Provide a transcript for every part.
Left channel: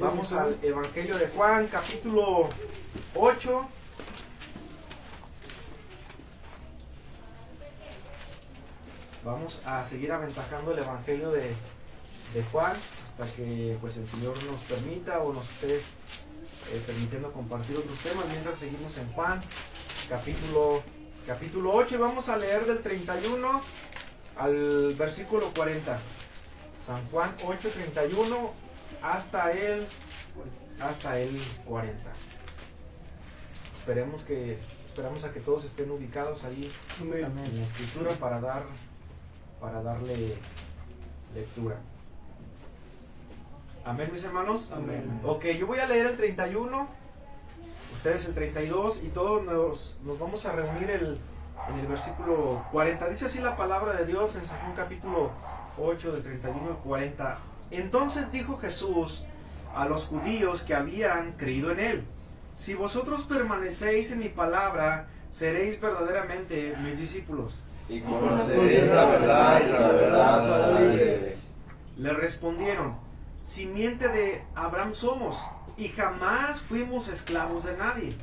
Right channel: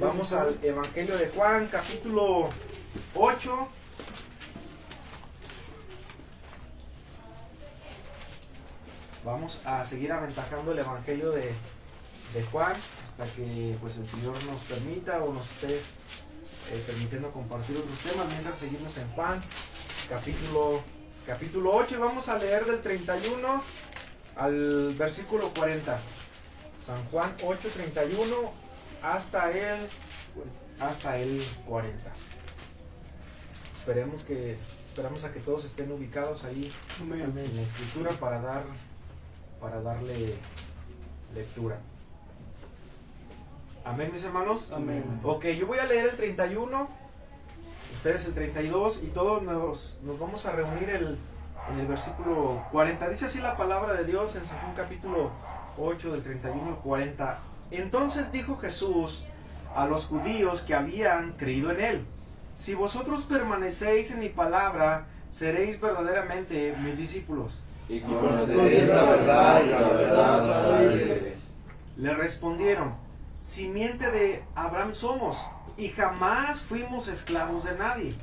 Vamos al Evangelio de Juan, capítulo 8. Vamos a seguir aventajando el Evangelio de Juan hasta que pues el Señor nos permita o nos esté permitiendo compartir otros temas mientras seguimos en Juan, capítulo 8, y vamos a leer del 31 al versículo 40. San Juan 8, 31 hasta el 40. Esperamos a que todos estén ubicados ahí en la escritura para darle lectura. Amén, mis hermanos. Amén. Ok, yo voy a leer el 31, ustedes el 32 y todos nos vamos a reunir en el versículo 40. Dice así la palabra de Dios en San Juan capítulo 8 del 31 al 40. Entonces dijo Jesús a los judíos que habían creído en él: si vosotros permanecéis en mi palabra, seréis verdaderamente mis discípulos. Y conoceréis la verdad, y la verdad os hará libres. Le respondieron: simiente de Abraham somos, y jamás fuimos esclavos de nadie.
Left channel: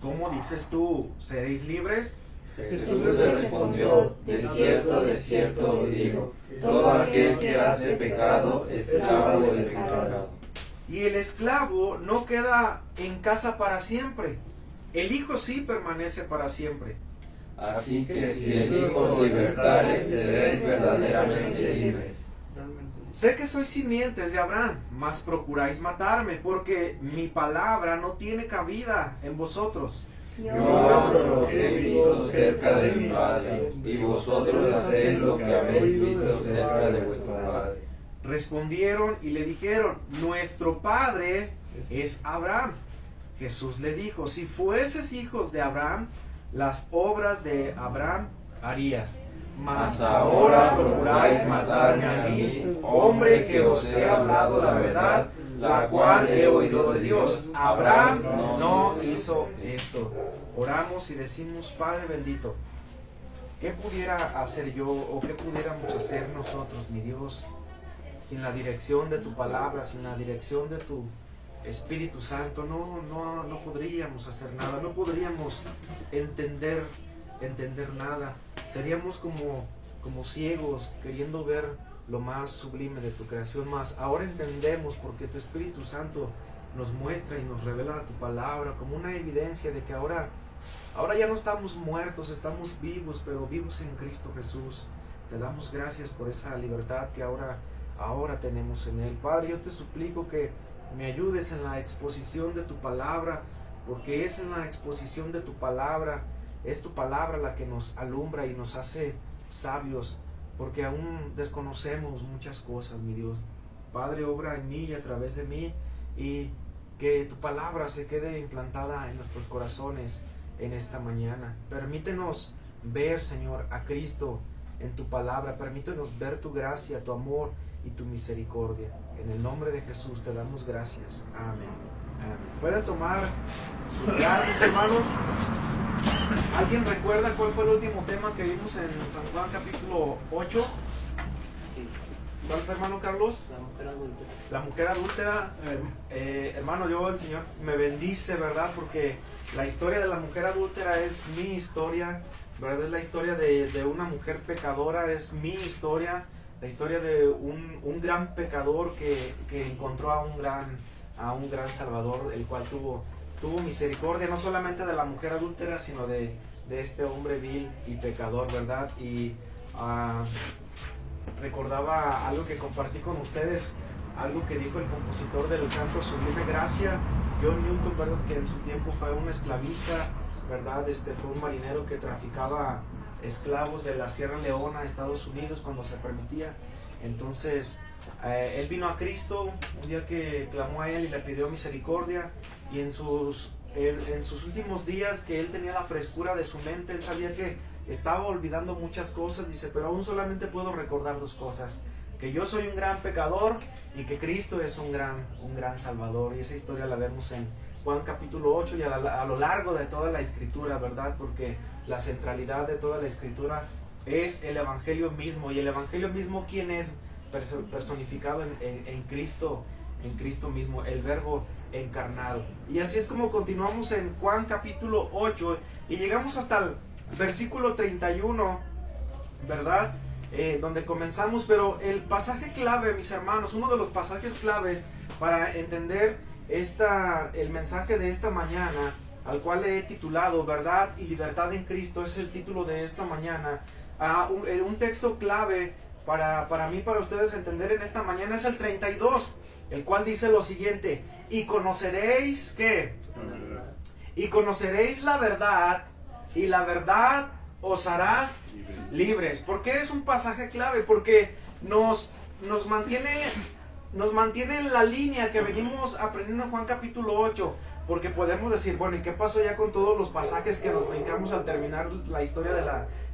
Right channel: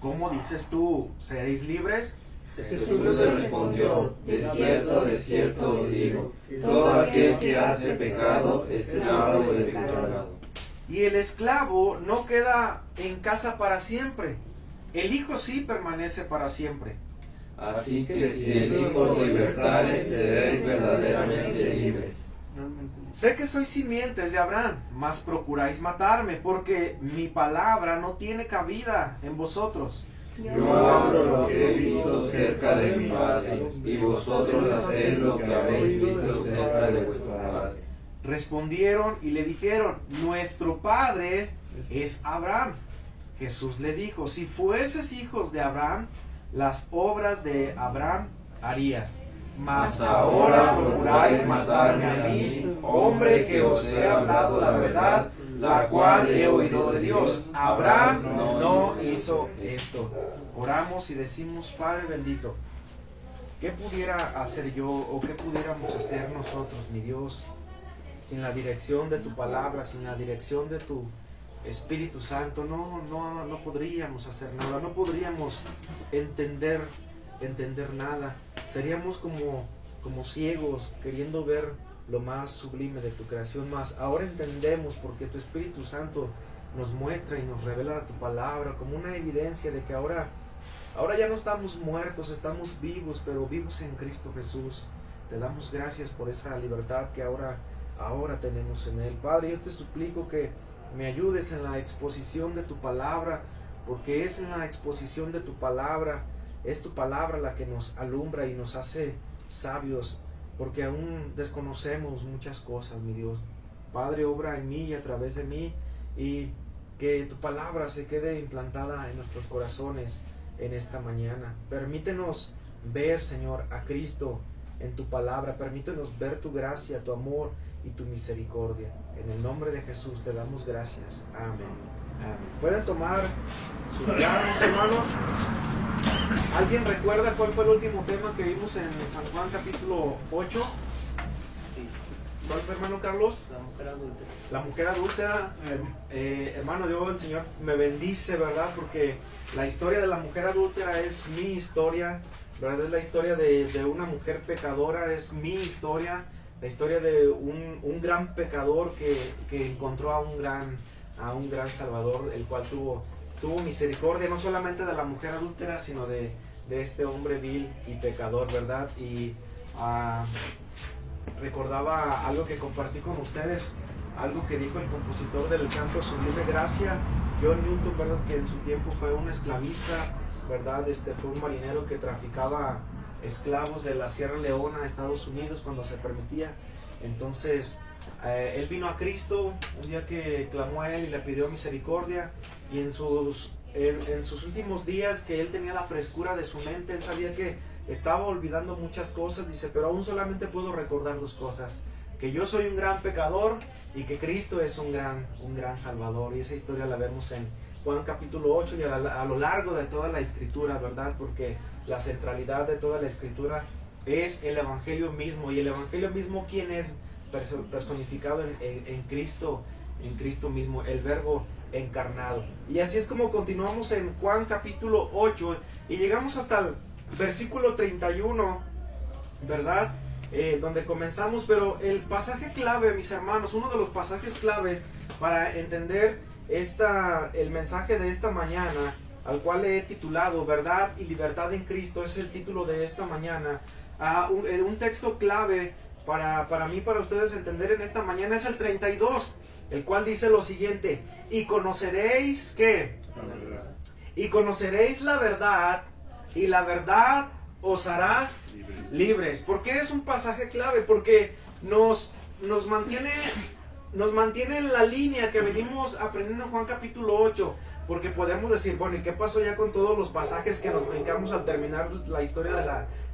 ¿Cómo dices tú, seréis libres? Jesús le respondió: de cierto os digo, todo aquel que hace pecado es esclavo del pecado. Y el esclavo no queda en casa para siempre, el Hijo sí permanece para siempre. Así que si el Hijo os libertare, seréis verdaderamente libres. Sé que sois simientes de Abraham, mas procuráis matarme, porque mi palabra no tiene cabida en vosotros. Yo hablo lo que he visto cerca de mi Padre, y vosotros hacéis lo que habéis visto cerca de vuestro Padre. Respondieron y le dijeron: nuestro padre es Abraham. Jesús le dijo: si fueses hijos de Abraham, las obras de Abraham harías. Mas ahora procuráis matarme a mí, hombre que os he hablado la verdad, la cual he oído de Dios. Abraham no hizo esto. Oramos y decimos: Padre bendito, ¿qué pudiera hacer yo o qué pudiéramos hacer nosotros, mi Dios, sin la dirección de tu palabra, sin la dirección de tu Espíritu Santo? No podríamos hacer nada, no podríamos entender nada. Seríamos como ciegos queriendo ver lo más sublime de tu creación. Más ahora entendemos, porque tu Espíritu Santo nos muestra y nos revela tu palabra como una evidencia de que ahora ya no estamos muertos, estamos vivos, pero vivos en Cristo Jesús. Te damos gracias por esa libertad que ahora tenemos en Él. Padre, yo te suplico que me ayudes en la exposición de tu palabra, porque es en la exposición de tu palabra, es tu palabra la que nos alumbra y nos hace sabios, porque aún desconocemos muchas cosas, mi Dios. Padre, obra en mí y a través de mí, y que tu palabra se quede implantada en nuestros corazones en esta mañana. Permítenos ver, Señor, a Cristo en tu palabra. Permítenos ver tu gracia, tu amor y tu misericordia. En el nombre de Jesús te damos gracias. Amén. Amén. ¿Pueden tomar su lugar, mis hermanos? ¿Alguien recuerda cuál fue el último tema que vimos en San Juan capítulo 8? ¿Cuál fue, hermano Carlos? La mujer adúltera. La mujer adúltera. Hermano, yo, el Señor me bendice, ¿verdad? Porque la historia de la mujer adúltera es mi historia, ¿verdad? Es la historia de una mujer pecadora, es mi historia. La historia de un gran pecador que encontró a un gran Salvador, el cual tuvo misericordia no solamente de la mujer adúltera, sino de este hombre vil y pecador, ¿verdad? Y recordaba algo que compartí con ustedes, algo que dijo el compositor del canto Sublime Gracia, John Newton, ¿verdad? Que en su tiempo fue un esclavista, ¿verdad? Fue un marinero que traficaba esclavos de la Sierra Leona a Estados Unidos cuando se permitía. Entonces él vino a Cristo un día que clamó a él y le pidió misericordia, y en sus últimos días, que él tenía la frescura de su mente, él sabía que estaba olvidando muchas cosas. Dice: pero aún solamente puedo recordar dos cosas: que yo soy un gran pecador y que Cristo es un gran Salvador. Y esa historia la vemos en Juan capítulo 8 y a lo largo de toda la Escritura, ¿verdad? Porque la centralidad de toda la Escritura es el Evangelio mismo. Y el Evangelio mismo, ¿quién es? Personificado en Cristo en Cristo mismo, el Verbo encarnado. Y así es como continuamos en Juan capítulo 8 y llegamos hasta el versículo 31, ¿verdad? Donde comenzamos, pero el pasaje clave, mis hermanos, uno de los pasajes claves para entender el mensaje de esta mañana, al cual he titulado Verdad y Libertad en Cristo, es el título de esta mañana. Un texto clave para mí, para ustedes entender en esta mañana es el 32, el cual dice lo siguiente: y conoceréis ¿qué? Y conoceréis la verdad, y la verdad os hará libres. ¿Por qué es un pasaje clave? Porque nos mantiene en la línea que venimos aprendiendo en Juan capítulo 8. Porque podemos decir, bueno, ¿y qué pasó ya con todos los pasajes que nos brincamos al terminar la historia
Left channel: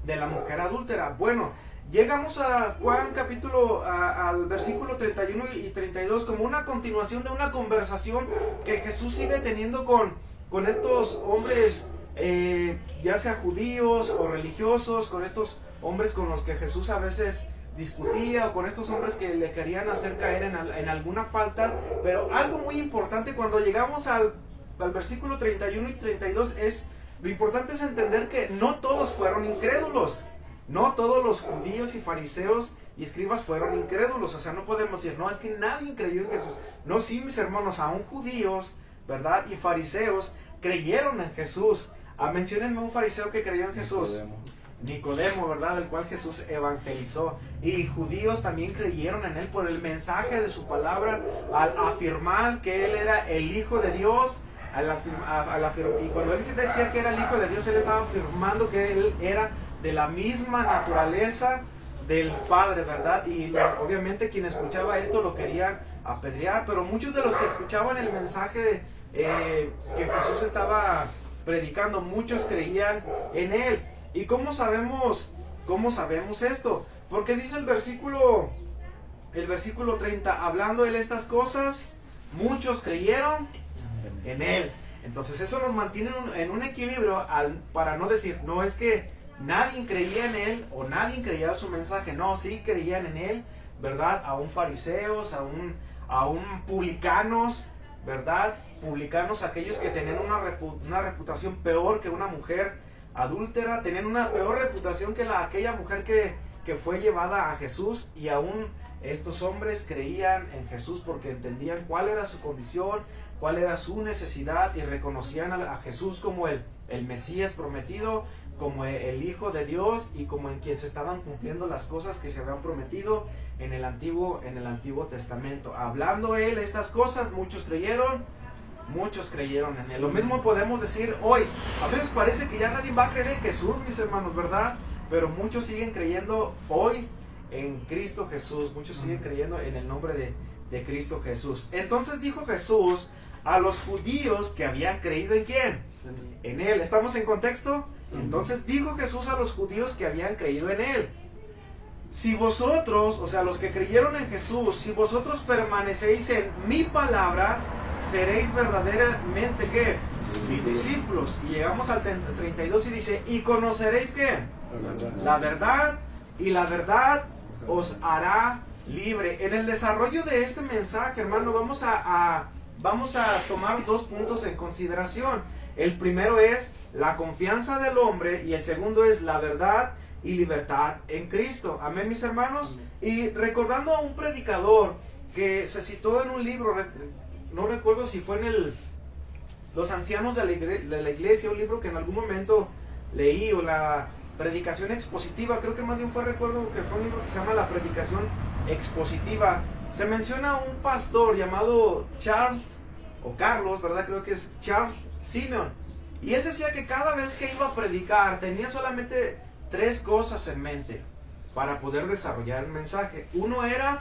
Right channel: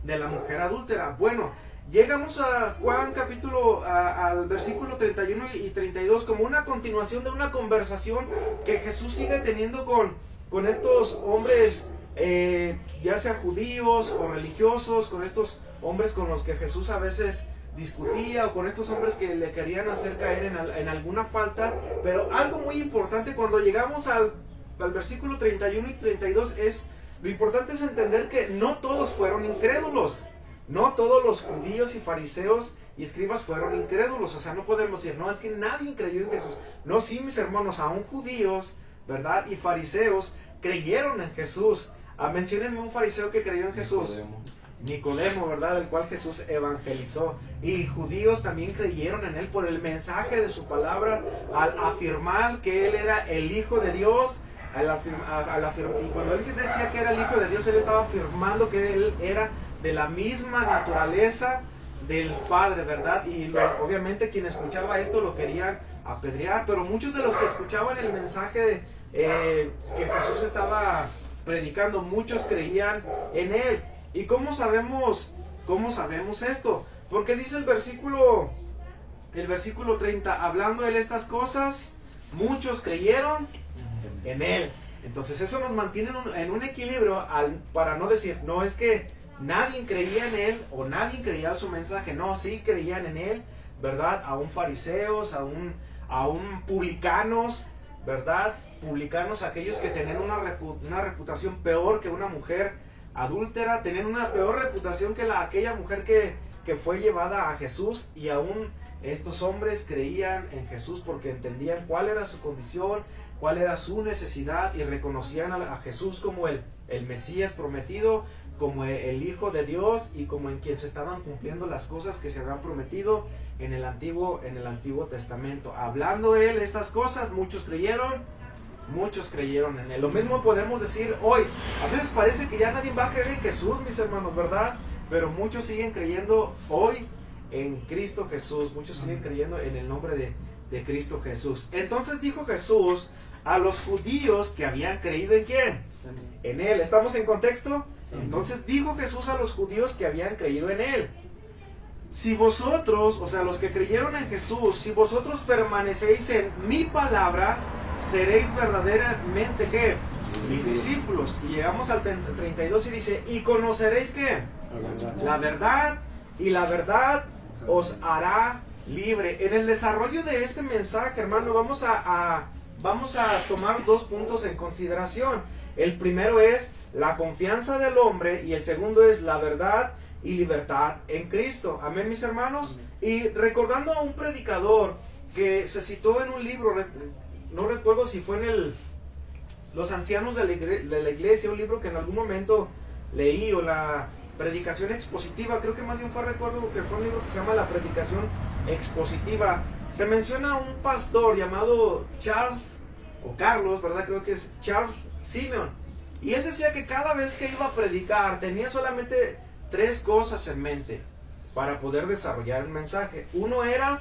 de la mujer adúltera? Bueno, llegamos a Juan capítulo, al versículo 31 y 32 como una continuación de una conversación que Jesús sigue teniendo con estos hombres, ya sea judíos o religiosos, con estos hombres con los que Jesús a veces discutía, o con estos hombres que le querían hacer caer en alguna falta. Pero algo muy importante cuando llegamos al versículo 31 y 32 lo importante es entender que no todos fueron incrédulos. No todos los judíos y fariseos y escribas fueron incrédulos. O sea, no podemos decir, no, es que nadie creyó en Jesús. No, sí, mis hermanos, aún judíos, ¿verdad? Y fariseos creyeron en Jesús. Menciónenme un fariseo que creyó en Jesús. Nicodemo, ¿verdad? El cual Jesús evangelizó. Y judíos también creyeron en él por el mensaje de su palabra, al afirmar que él era el Hijo de Dios. Y cuando él decía que era el Hijo de Dios, él estaba afirmando que él era de la misma naturaleza del Padre, ¿verdad? Y obviamente quien escuchaba esto lo querían apedrear, pero muchos de los que escuchaban el mensaje que Jesús estaba predicando, muchos creían en él. ¿Y cómo sabemos esto? Porque dice el versículo 30, hablando él estas cosas, muchos creyeron en él. Entonces eso nos mantiene en un equilibrio para no decir, no es que nadie creía en él o nadie creía su mensaje. No, sí creían en él, ¿verdad? Aún fariseos, aún publicanos, ¿verdad? Publicanos, aquellos que tenían una reputación peor que una mujer adúltera, tenían una peor reputación que aquella mujer que fue llevada a Jesús, y aún estos hombres creían en Jesús porque entendían cuál era su condición, cuál era su necesidad, y reconocían a Jesús como el Mesías prometido, como el Hijo de Dios, y como en quien se estaban cumpliendo las cosas que se habían prometido en el Antiguo Testamento. Hablando él estas cosas, muchos creyeron en él. Lo mismo podemos decir hoy. A veces parece que ya nadie va a creer en Jesús, mis hermanos, ¿verdad? Pero muchos siguen creyendo hoy en Cristo Jesús. Muchos siguen creyendo en el nombre de Cristo Jesús. Entonces dijo Jesús a los judíos que habían creído en ¿quién? En él. ¿Estamos en contexto? Entonces dijo Jesús a los judíos que habían creído en él: si vosotros, o sea, los que creyeron en Jesús, si vosotros permanecéis en mi palabra, seréis verdaderamente ¿qué? Mis discípulos. Y llegamos al 32 y dice: y conoceréis ¿qué? La verdad, y la verdad os hará libre. En el desarrollo de este mensaje, hermano, vamos a tomar dos puntos en consideración. El primero es la confianza del hombre, y el segundo es la verdad y libertad en Cristo. Amén, mis hermanos. Y recordando a un predicador que se citó en un libro, no recuerdo si fue en Los Ancianos de la Iglesia, un libro que en algún momento leí, o la predicación expositiva, creo que más bien recuerdo que fue un libro que se llama La Predicación Expositiva. Se menciona a un pastor llamado Carlos, ¿verdad? Creo que es Charles Simeon. Y él decía que cada vez que iba a predicar tenía solamente tres cosas en mente para poder desarrollar el mensaje. Uno era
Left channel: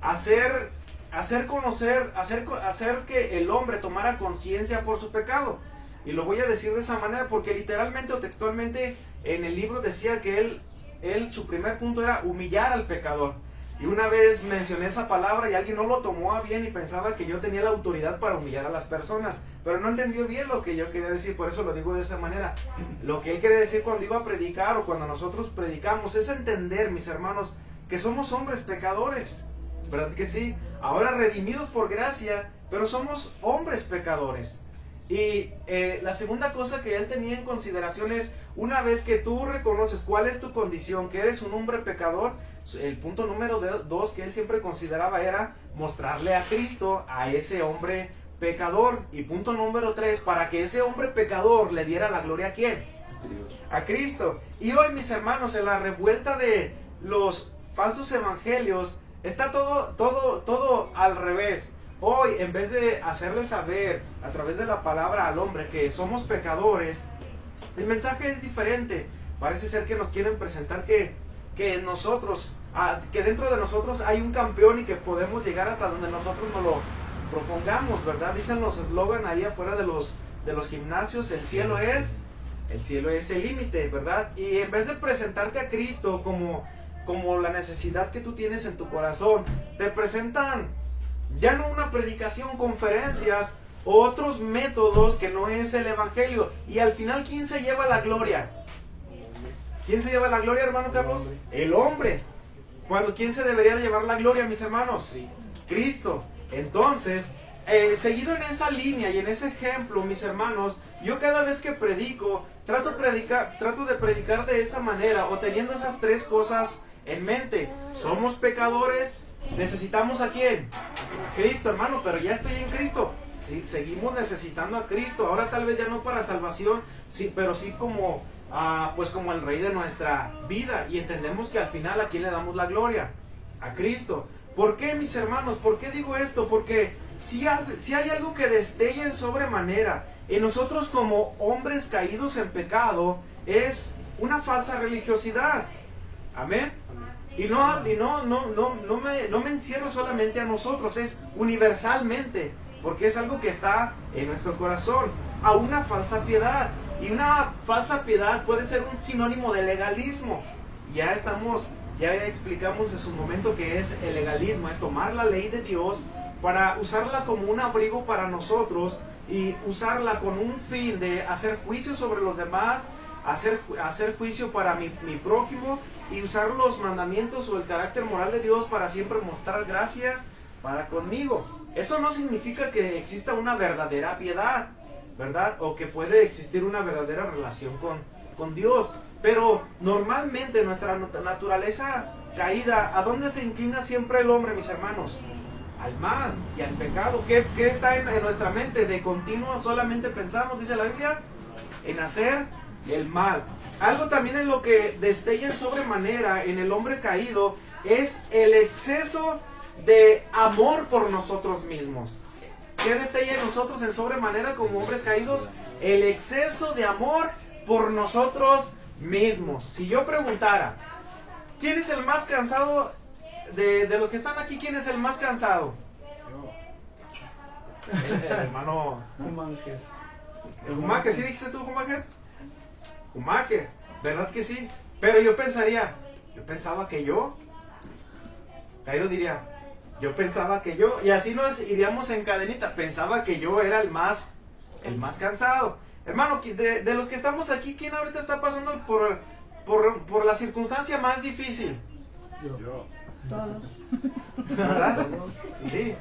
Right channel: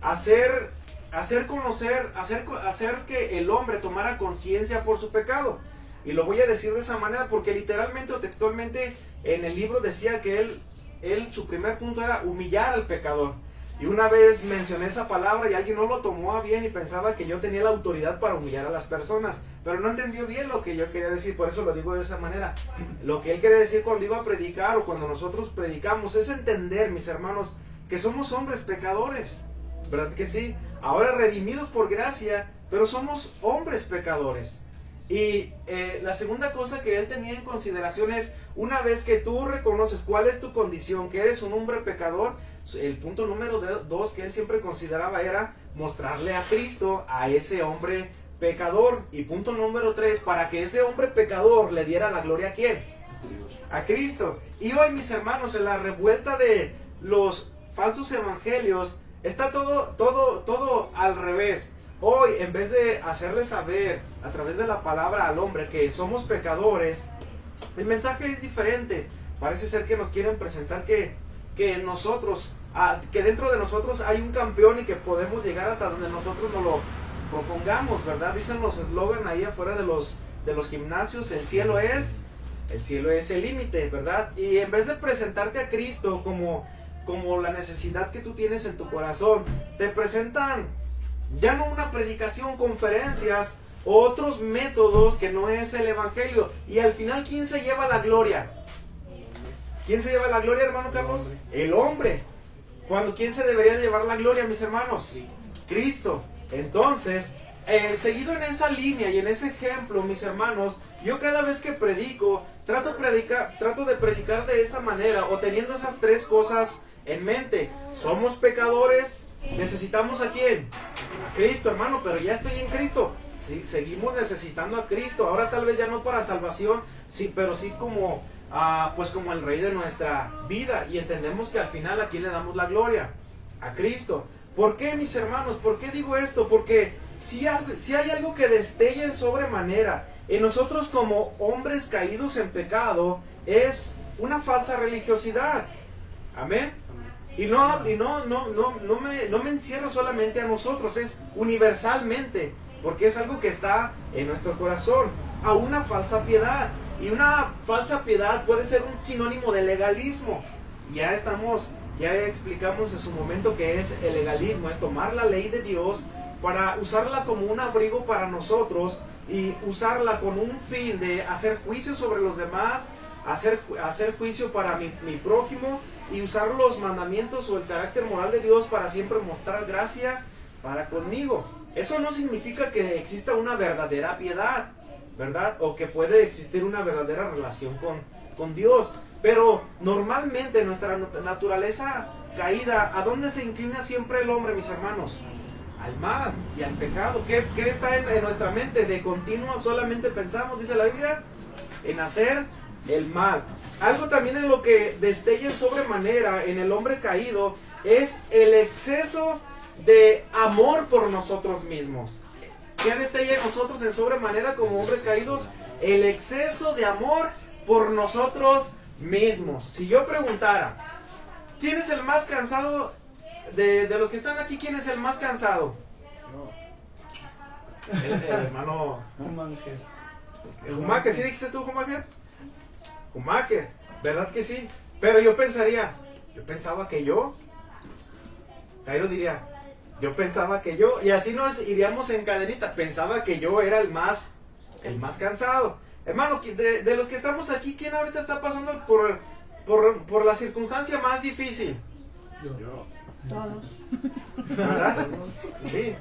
hacer que el hombre tomara conciencia por su pecado. Y lo voy a decir de esa manera porque literalmente o textualmente en el libro decía que él su primer punto era humillar al pecador. Y una vez mencioné esa palabra y alguien no lo tomó a bien y pensaba que yo tenía la autoridad para humillar a las personas, pero no entendió bien lo que yo quería decir. Por eso lo digo de esa manera. Lo que él quiere decir cuando iba a predicar, o cuando nosotros predicamos, es entender, mis hermanos, que somos hombres pecadores. ¿Verdad que sí? Ahora redimidos por gracia, pero somos hombres pecadores. Y la segunda cosa que él tenía en consideración es, una vez que tú reconoces cuál es tu condición, que eres un hombre pecador, el punto número 2 que él siempre consideraba era mostrarle a Cristo a ese hombre pecador. Y punto número 3, para que ese hombre pecador le diera la gloria, ¿a quién? A Cristo. Y hoy, mis hermanos, en la revuelta de los falsos evangelios, está todo al revés. Hoy, en vez de hacerle saber a través de la palabra al hombre que somos pecadores, el mensaje es diferente. Parece ser que nos quieren presentar que nosotros, que dentro de nosotros hay un campeón y que podemos llegar hasta donde nosotros nos lo propongamos, ¿verdad? Dicen los eslogan ahí afuera de los gimnasios, el cielo es el límite, ¿verdad? Y en vez de presentarte a Cristo como la necesidad que tú tienes en tu corazón, te presentan ya no una predicación, conferencias, otros métodos que no es el evangelio. Y al final, ¿quién se lleva la gloria? ¿Quién se lleva la gloria, hermano Carlos? El hombre. ¿Quién se debería llevar la gloria, mis hermanos? Cristo. Entonces, seguido en esa línea y en ese ejemplo, mis hermanos, yo cada vez que predico, trato de predicar de esa manera, o teniendo esas tres cosas en mente. Somos pecadores. ¿Necesitamos a quién? Cristo, hermano, pero ya estoy en Cristo. Sí, seguimos necesitando a Cristo. Ahora tal vez ya no para salvación, sí, pero sí como el Rey de nuestra vida. Y entendemos que al final, ¿a quién le damos la gloria? A Cristo. ¿Por qué, mis hermanos? ¿Por qué digo esto? Porque si hay algo que destella en sobremanera en nosotros como hombres caídos en pecado, es una falsa religiosidad. Amén. Y no me encierro solamente a nosotros, es universalmente, porque es algo que está en nuestro corazón, a una falsa piedad. Y una falsa piedad puede ser un sinónimo de legalismo. Ya explicamos en su momento que es el legalismo, es tomar la ley de Dios para usarla como un abrigo para nosotros y usarla con un fin de hacer juicio sobre los demás, hacer juicio para mi prójimo, y usar los mandamientos o el carácter moral de Dios para siempre mostrar gracia para conmigo. Eso no significa que exista una verdadera piedad, ¿verdad? O que puede existir una verdadera relación con Dios. Pero normalmente nuestra naturaleza caída, ¿a dónde se inclina siempre el hombre, mis hermanos? Al mal y al pecado. ¿Qué está en nuestra mente? De continuo solamente pensamos, dice la Biblia, en hacer el mal. Algo también en lo que destella en sobremanera en el hombre caído es el exceso de amor por nosotros mismos. ¿Qué destella en nosotros en sobremanera como hombres caídos? El exceso de amor por nosotros mismos. Si yo preguntara, ¿quién es el más cansado de los que están aquí? ¿Quién es el más cansado? El hermano Humanger. Humanger, ¿sí dijiste tú, Humanger? Humanger, ¿verdad que sí? Pero yo pensaba que yo. Cairo diría, yo pensaba que yo. Y así nos iríamos en cadenita. Pensaba que yo era el más cansado. Hermano, de los que estamos aquí, ¿quién ahorita está pasando por la circunstancia más difícil? Yo. Todos. ¿Verdad? Sí.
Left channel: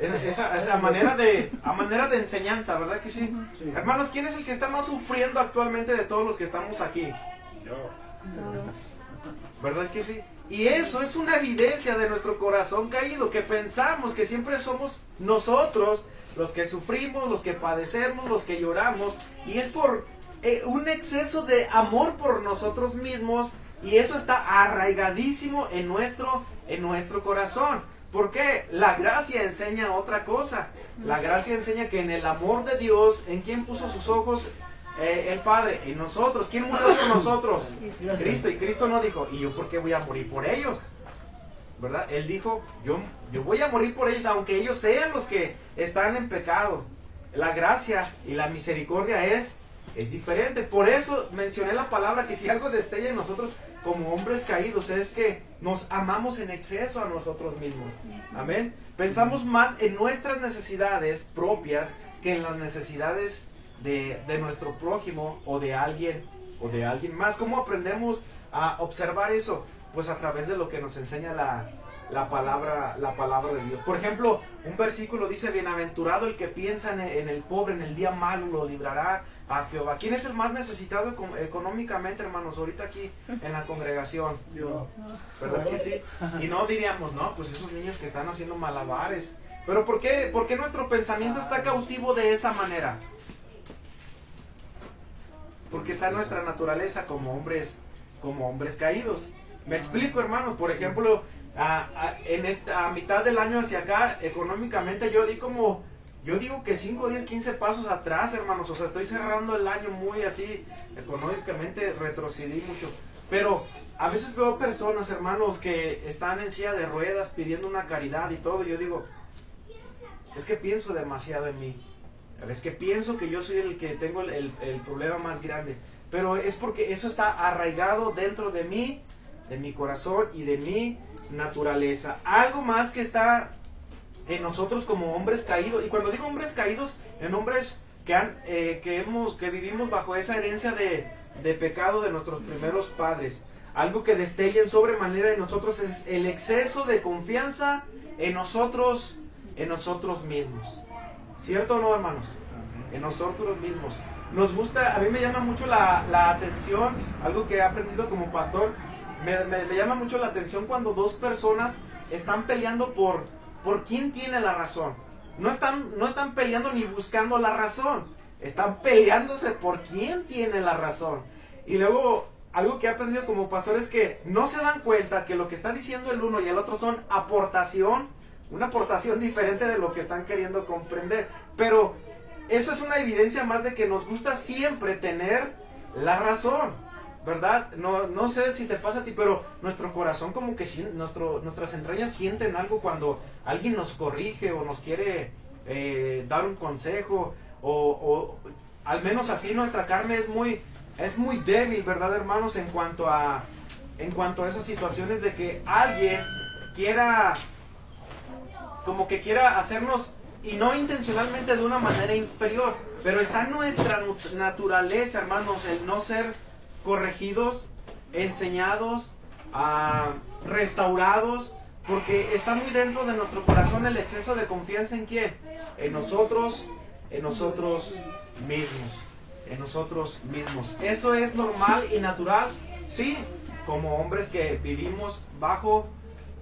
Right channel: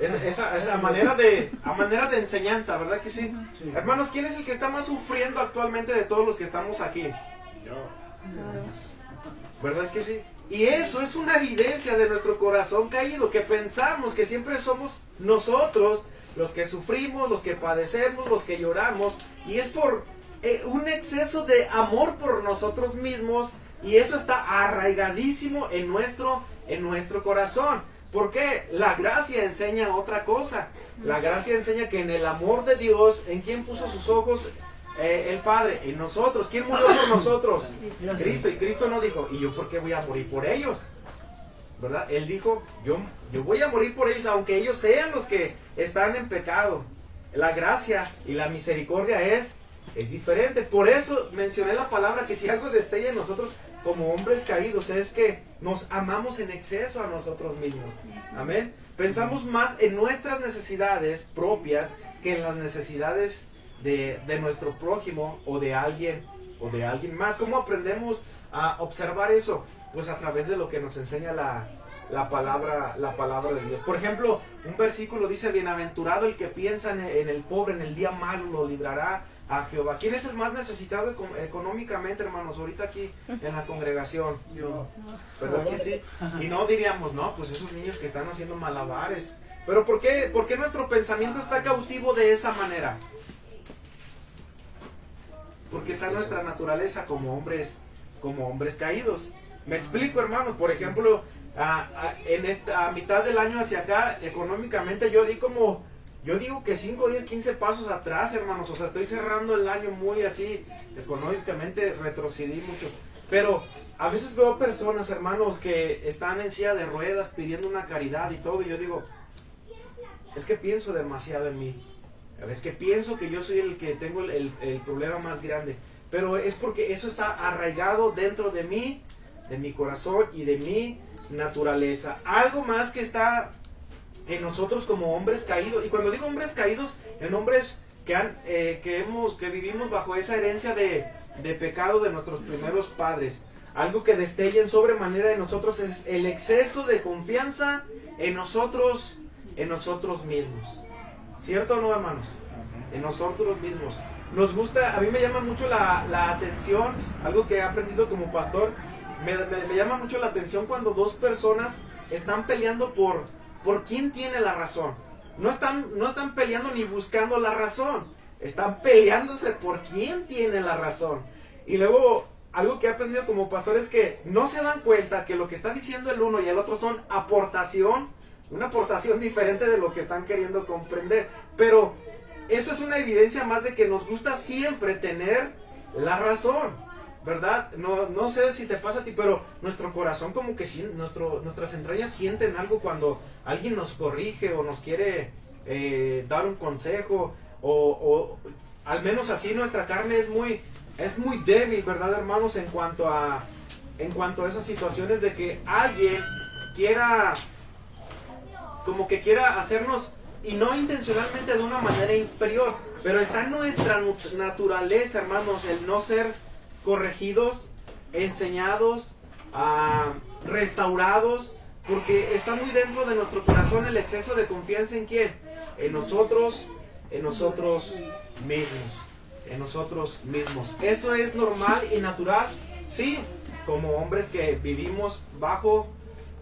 Esa manera de enseñanza, ¿verdad que sí? Sí. Hermanos, ¿quién es el que está más sufriendo actualmente de todos los que estamos aquí? Yo. ¿Verdad que sí? Y eso es una evidencia de nuestro corazón caído, que pensamos que siempre somos nosotros los que sufrimos, los que padecemos, los que lloramos, y es por un exceso de amor por nosotros mismos, y eso está arraigadísimo en nuestro corazón. Porque la gracia enseña otra cosa. La gracia enseña que en el amor de Dios, ¿en quién puso sus ojos el Padre? En nosotros. ¿Quién murió por nosotros? Cristo. Y Cristo no dijo, ¿y yo por qué voy a morir por ellos? ¿Verdad? Él dijo, yo voy a morir por ellos, aunque ellos sean los que están en pecado. La gracia y la misericordia es diferente. Por eso mencioné la palabra, que si algo destella en nosotros como hombres caídos es que nos amamos en exceso a nosotros mismos. Amén. Pensamos más en nuestras necesidades propias que en las necesidades de nuestro prójimo o de alguien más. ¿Cómo aprendemos a observar eso? Pues a través de lo que nos enseña la la palabra de Dios. Por ejemplo, un versículo dice: bienaventurado el que piensa en el pobre, en el día malo, lo librará a Jehová. ¿Quién es el más necesitado económicamente, hermanos, ahorita aquí en la congregación? Yo. ¿Verdad que sí? Y no diríamos, no, pues esos niños que están haciendo malabares. Pero ¿por qué nuestro pensamiento está cautivo de esa manera? Porque está en nuestra naturaleza como hombres caídos. Me explico, hermanos. Por ejemplo, en esta mitad del año hacia acá, económicamente yo digo que 5, 10, 15 pasos atrás, hermanos. O sea, estoy cerrando el año muy así, económicamente retrocedí mucho. Pero a veces veo personas, hermanos, que están en silla de ruedas pidiendo una caridad y todo. Y yo digo, es que pienso demasiado en mí. Es que pienso que yo soy el que tengo el problema más grande. Pero es porque eso está arraigado dentro de mí, de mi corazón y de mi naturaleza. Algo más que está en nosotros como hombres caídos. Y cuando digo hombres caídos, en hombres que vivimos bajo esa herencia de pecado de nuestros primeros padres. Algo que destella en sobremanera en nosotros es el exceso de confianza en nosotros mismos. ¿Cierto o no, hermanos? En nosotros mismos. Nos gusta, a mí me llama mucho la atención, algo que he aprendido como pastor, me llama mucho la atención cuando dos personas están peleando por quién tiene la razón. No están peleando ni buscando la razón, están peleándose por quién tiene la razón. Y luego, algo que he aprendido como pastor es que no se dan cuenta que lo que está diciendo el uno y el otro son una aportación diferente de lo que están queriendo comprender. Pero eso es una evidencia más de que nos gusta siempre tener la razón, ¿verdad? No sé si te pasa a ti, pero nuestro corazón como que nuestras entrañas sienten algo cuando alguien nos corrige o nos quiere dar un consejo, o al menos así nuestra carne es muy débil, ¿verdad, hermanos? En cuanto a esas situaciones de que alguien quiera hacernos, y no intencionalmente, de una manera inferior, pero está en nuestra naturaleza, hermanos, el no ser corregidos, enseñados, restaurados, porque está muy dentro de nuestro corazón el exceso de confianza. ¿En quién? En nosotros mismos. Eso es normal y natural, sí, como hombres que vivimos bajo